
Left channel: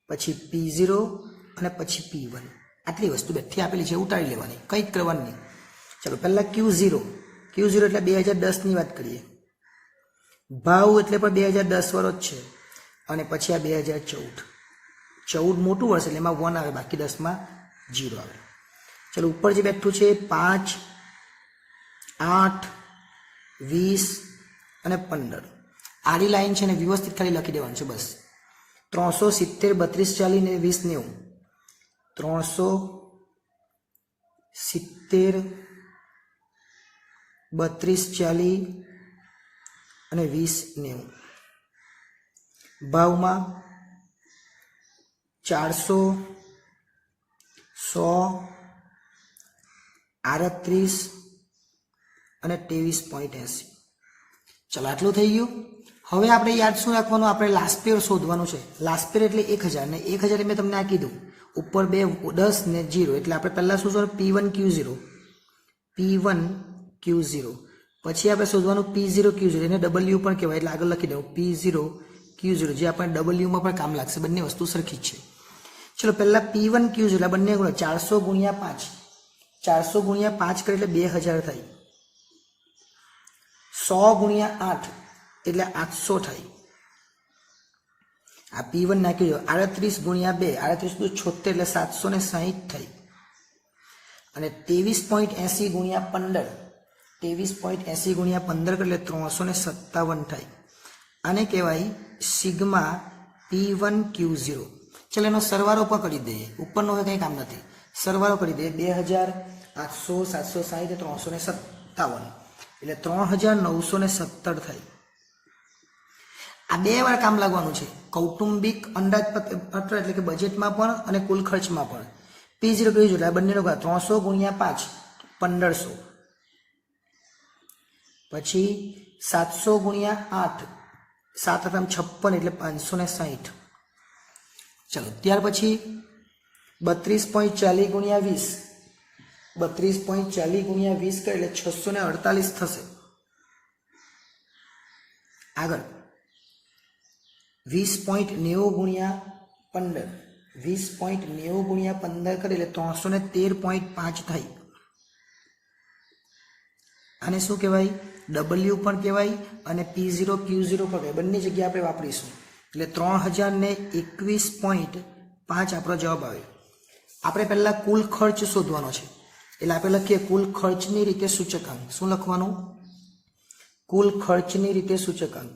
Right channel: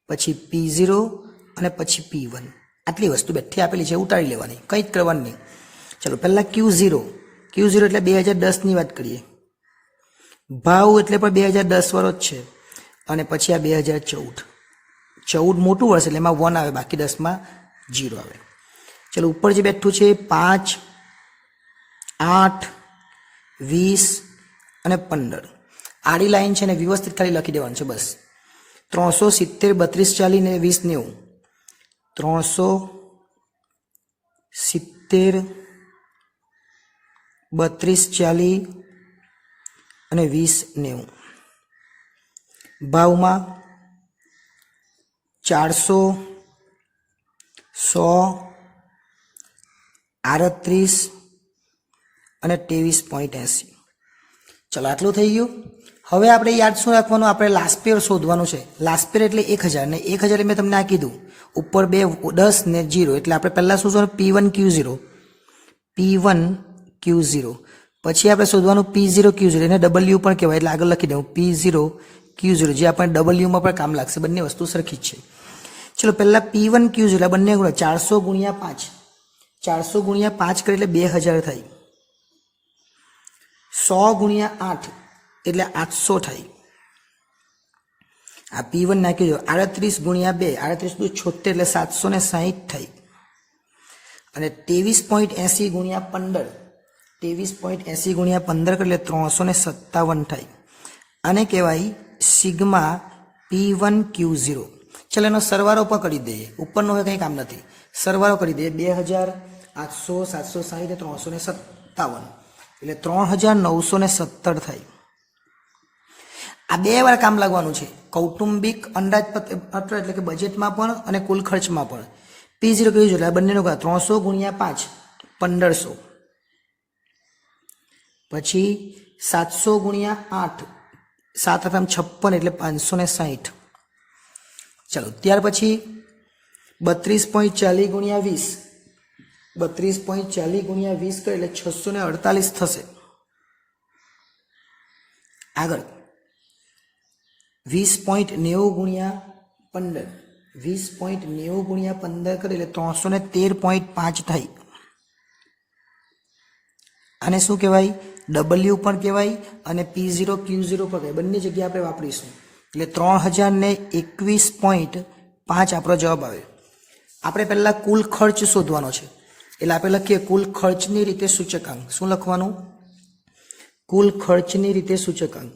પછી P0 અને પછી P1. આટલી વસ્તુ બેઠી આપેલી છે ઉતારી લેવાની, કંઈ જ કરવાનું નહીં. ચલો પહેલાં Q0 એટલે 2010ની વાત કરીએ. ભાવ એટલે પણ 2010 વાળો જ છે અને પછી આ 2014 મોટું વર્ષ એટલે એમાં 1 આવે બાકી 10માં 0 આવે. ચલો ઉપર જે બેઠું છે 5, 8, 20 અને 15 આડી લાઈન છે ને વ્યવસ્થિત ખાલી લખી દેવાનું છે બસ. 370, 32, 40 ને 20, 90. 370, 32, 40 અને 20, 90. ભાવમાં 400, 100, 38 અને 23.80. ચલો આટલું થઈ ગયું. હવે આપણે યાદ શું રાખવાનું? આપણે લાસ્ટ યર શોધવાનું છે. લાસ્ટ યર એટલે 1000 ને 1000 મેં તમને આ કીધું ઉપર 2 10 ને 0 એટલે આપણે પહેલાં શું શોધવાનું? P1 Q0 પછી આપણે શોધવાનું P0 Q0 એને W પણ કહેવાય એટલે આગળ લખી દઉં P0 Q0 જે આપણે Wમાં પણ કામ લાગશે. બંને વસ્તુ સરખી જ છે. ચલો પહેલાં P1 Q0 આ બંને ગુણો 400 ગુણ્યા 5 400 ગુણ્યા 5 કરે એટલે 2000 થાય. 100 ગુણ્યા 8 એટલે 800 થાય. આ P1 નાખી દો 38 ગુણ્યા 2 38 × 76 એટલે 760 થઈ અને 23.80 ગુણ્યા 15 23.80 ગુણ્યા 15 એટલે 357 થાય આને કહેવાય સિગ્મા P1Q0 ચલો એનો સરવાળો પણ કરી દઈએ ઉપરનો હવે કંઈ કામ નથી સરવાળો કરી દઈએ 2800 760 357 એટલે 3917 થાય આ બે વાર કામ લાગવાનું છે કૌટુંબિક અંદાજપત્ર એટલે કે બજેટમાં પણ અને કુલ ખર્ચમાં પણ P0 કેવી જોઈએ બંનેનો 300 ગુણ્યા 5 1500 પછી 700 ગુણ્યા 8 7 8 56 એટલે 560 ચલો ત્યાર પછી 32.40 ગુણ્યા 20 32.40 ગુણ્યા 20 કરે એટલે 648 થશે આગળ 20.90 ગુણ્યા 15 20.90 ગુણ્યા 15 કરે એટલે 313.5 થાય આને શું કહેવાય W પણ કહેવાય અને P0 Q0 પણ કહેવાય બંને જગ્યાએ આપણે વાપરીશું એટલે 3021.5 આપણો જવાબ આવે આપણે પહેલા કુલ ખર્ચ શોધવાનો છે એટલે આપણે લખીએ કુલ ખર્ચની રીતે સૂચકાંક શું લખવાનું કુલ ખર્ચની રીતે સૂચકાંક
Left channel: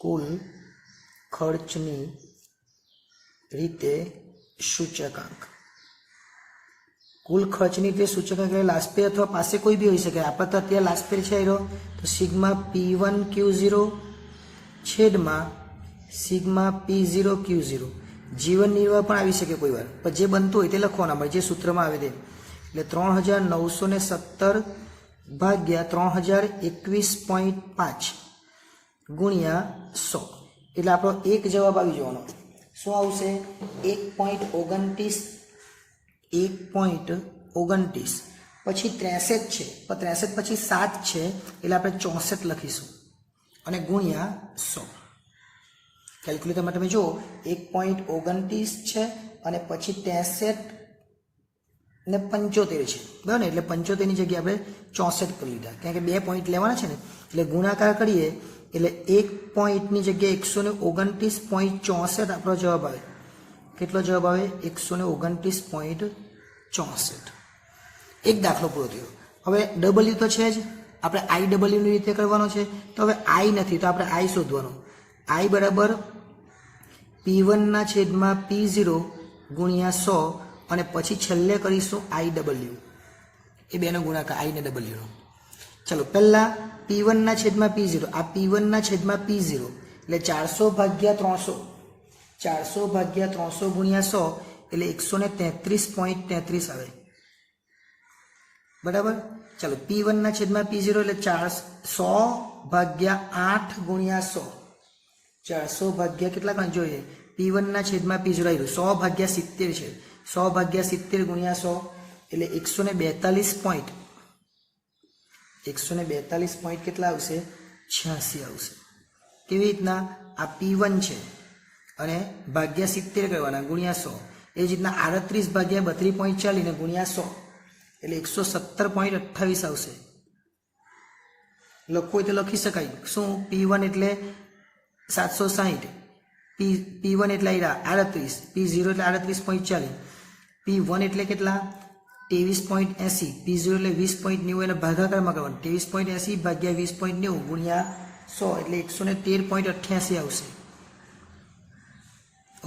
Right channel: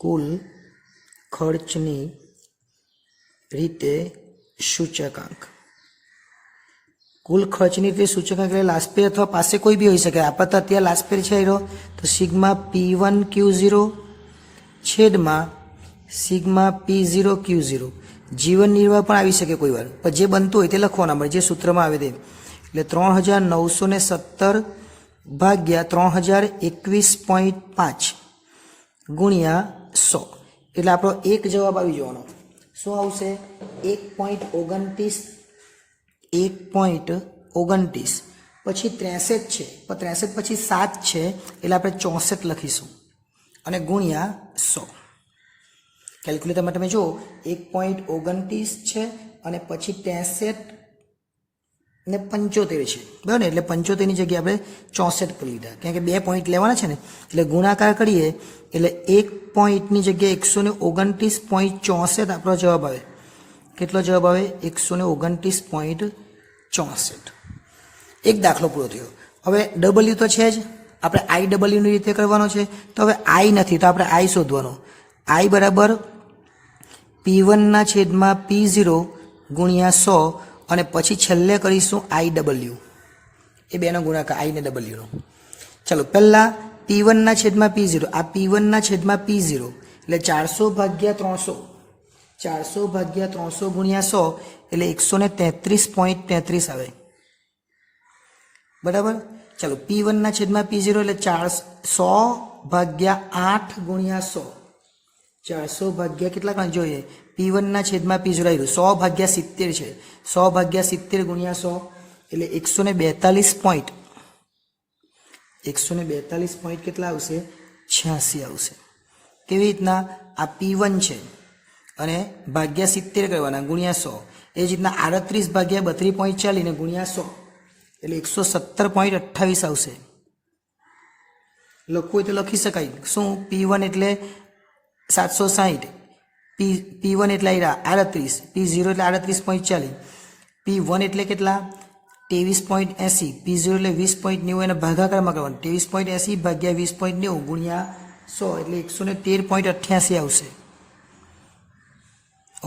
કુલ ખર્ચની રીતે સૂચકાંક કુલ ખર્ચની રીતે સૂચકાંક એટલે લાસ્ટ અથવા પાસે કોઈ બી હોઈ શકે આપણે તો અત્યારે લાસ્ટ છે એનો તો સિગ્મા P1Q0 છેદમાં સિગ્મા P0 Q0 જીવન નિર્વાહ પણ આવી શકે કોઈ વાર પણ જે બનતું હોય તે લખવાના મળે જે સૂત્રમાં આવે તે એટલે 3917 ભાગ્યા 3021.5 ગુણ્યા 100 એટલે આપણો એક જવાબ આવી જવાનો શું આવશે 1.29 પછી 63 છે પણ 63 પછી 7 છે એટલે આપણે 64 લખીશું અને ગુણ્યા 100 કેલ્ક્યુલેટરમાં તમે જુઓ 1.29 છે અને પછી 63 ને 75 છે બરાબર ને એટલે 75 ની જગ્યાએ આપણે 64 કરી લીધા કારણ કે 2 પોઈન્ટ લેવાના છે ને એટલે ગુણાકાર કરીએ એટલે 1 પોઈન્ટની જગ્યાએ 129.64 આપણો જવાબ આવે કેટલો જવાબ આવે 129.64 એક દાખલો પૂરો થયો હવે W તો છે જ આપણે IW ની રીતે કરવાનો છે તો હવે I નથી તો આપણે I શોધવાનો I બરાબર P1 ના છેદમાં P0 ગુણ્યા 100 અને પછી છેલ્લે કરીશું IW એ બેનો ગુણાકાર I ને W નો ચલો પહેલા P1 ના છેદમાં P0 આ P1 ના છેદમાં P0 એટલે 400 ભાગ્યા 300 400 ભાગ્યા 300 ગુણ્યા 100 એટલે 133.33 આવે બરાબર ચલો P1 ના છેદમાં P0 એટલે 100 ભાગ્યા 8 ગુણ્યા 100 400 ભાગ્યા કેટલા કાં જોઈએ P1 ના છેદમાં P0 આવ્યું 100 ભાગ્યા 70 છે 100 ભાગ્યા 70 ગુણ્યા 100 એટલે 142 પોઈન્ટ કેટલા આવશે 86 આવશે કેવી રીતના આ P1 છે અને ભાગ્યા 70 કરવાના ગુણ્યા 100 એ જ રીતના 38 ભાગ્યા 32.40 ને ગુણ્યા 100 એટલે 117.28 આવશે લખવું હોય તો લખી શકાય શું P1 એટલે 760 P1 એટલે 38 P0 એટલે 38.40 P1 એટલે કેટલા 23.80 P0 એટલે 20.90 એને ભાગાકારમાં કરવાનું 23.80 ભાગ્યા 20.90 ગુણ્યા 100 એટલે 113.88 આવશે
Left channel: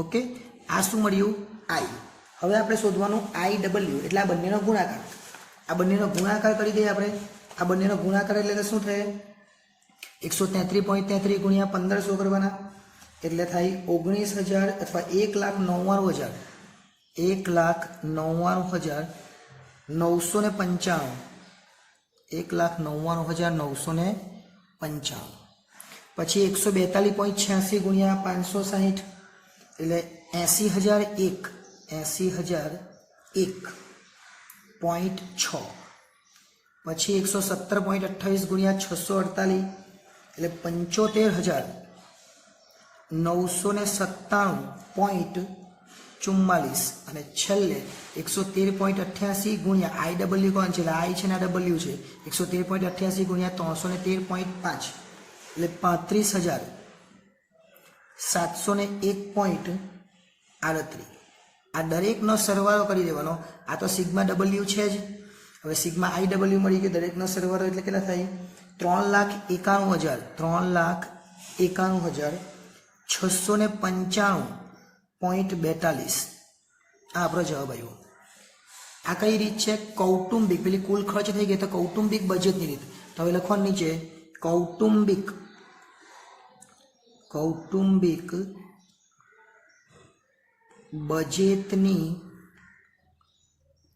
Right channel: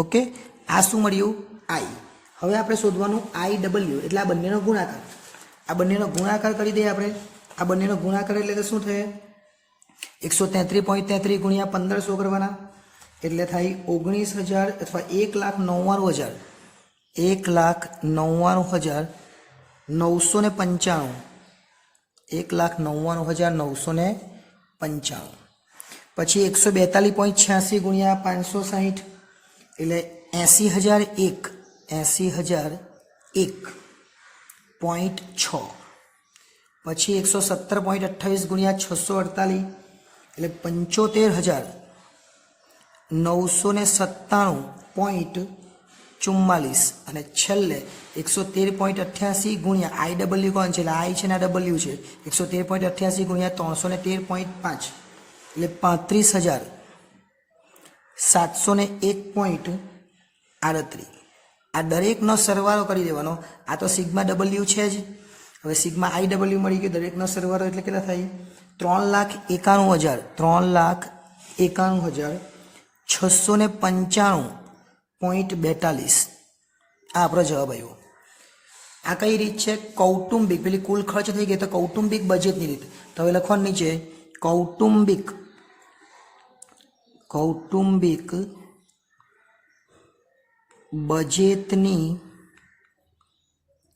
ઓકે આ શું મળ્યું I હવે આપણે શોધવાનું IW એટલે આ બંનેનો ગુણાકાર કરી દઈએ આપણે આ બંનેનો ગુણાકાર એટલે શું થાય 133.33 ગુણ્યા 1500 કરવાના એટલે થાય 19,000 અથવા 1,99,995 1,99,995 પછી 142.86 ગુણ્યા 560 એટલે 80,001.6 પછી 117.28 ગુણ્યા 648 એટલે 75,997.44 અને છેલ્લે 113.88 ગુણ્યા IW કોણ છે એટલે I છે ને W છે 113.88 ગુણ્યા 313.5 એટલે 701.38. આ દરેકનો સરવાળો કરી દેવાનો. આ તો સિગ્મા ડબલ્યુ છે જ. હવે સિગ્મા આઈ ડબલ્યુ મળી ગયો, દરેકનો સરવાળો એટલે કેટલા થાય? 3,91,695.42. આ આપણો જવાબ આવ્યો. આ કઈ રીત છે? કૌટુંબિક, પેલી કુલ ખર્ચ થઈ ગઈ તો કૌટુંબિક બજેટની રીત. તો હવે લખવાનું નીચે કૌટુંબિક બજેટની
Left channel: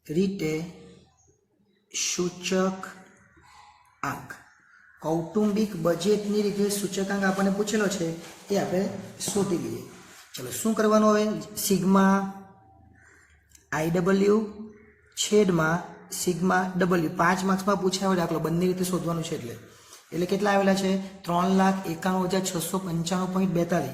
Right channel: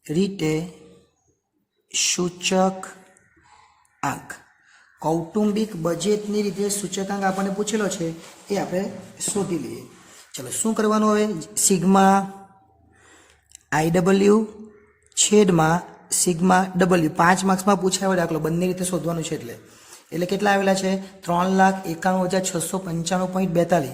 રીતે સૂચક આંક. કૌટુંબિક બજેટની રીતે સૂચકાંક આપણને પૂછેલો છે, એ આપણે શોધી લઈએ. ચલો શું કરવાનું હવે? સિગ્મા આઈ ડબલ્યુ છેદમાં સિગ્મા ડબલ્યુ. 5 માર્ક્સમાં પૂછાયો દાખલો, બંને રીતે શોધવાનું છે. એટલે કેટલા આવેલા છે? 3,91,695.42.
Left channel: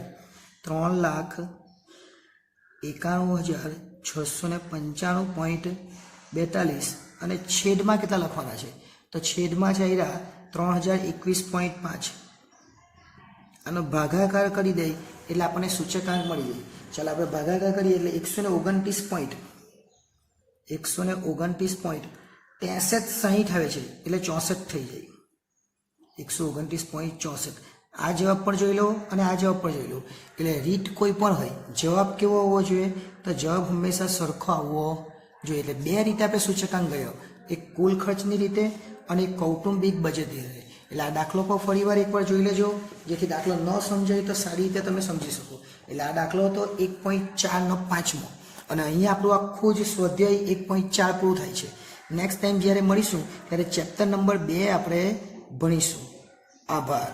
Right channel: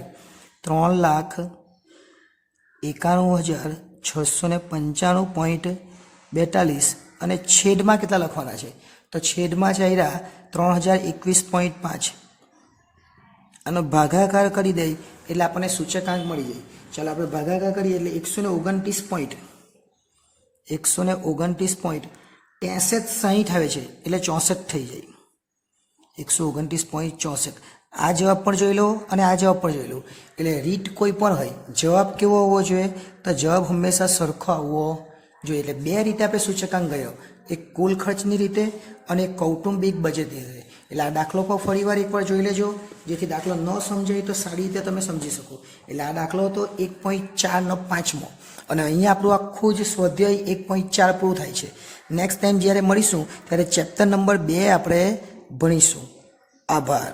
3,91,695.42 અને છેદમાં કેટલા લખવાના છે? તો છેદમાં છે આવ્યા 3,021.5 અને ભાગાકાર કરી દઈએ એટલે આપણને સૂચકાંક મળી જાય. ચાલો આપણે ભાગાકાર કરીએ એટલે 129.63 આવે છે એટલે 64 થઈ જાય. 129.64. આ જવાબ પણ જોઈ લો અને આ જવાબ પણ જોઈ લો. એટલે રીત કોઈ પણ હોય, જવાબ કેવો હોવો જોઈએ? તો જવાબ હંમેશા સરખો આવવો જોઈએ. એટલે બે રીતે આપણે સૂચકાંક ગયો, એક કુલ ખર્ચની રીતે અને એક કૌટુંબિક બજેટની રીતે. એટલે આ દાખલો પર ફરીવાર એકવાર જોઈ લેજો, જેથી દાખલો ન સમજાય તો સારી રીતે તમે સમજી શકો. એટલે આ દાખલો હતો 1.4નો 5મો અને અહીંયા આપણું આખું જ સ્વાધ્યાય 1.4 પૂરું થાય છે. નેક્સ્ટ ટાઈમ જ્યારે મળીશું ત્યારે ચેપ્ટર નંબર 2 આપણે ભણીશું. આભાર.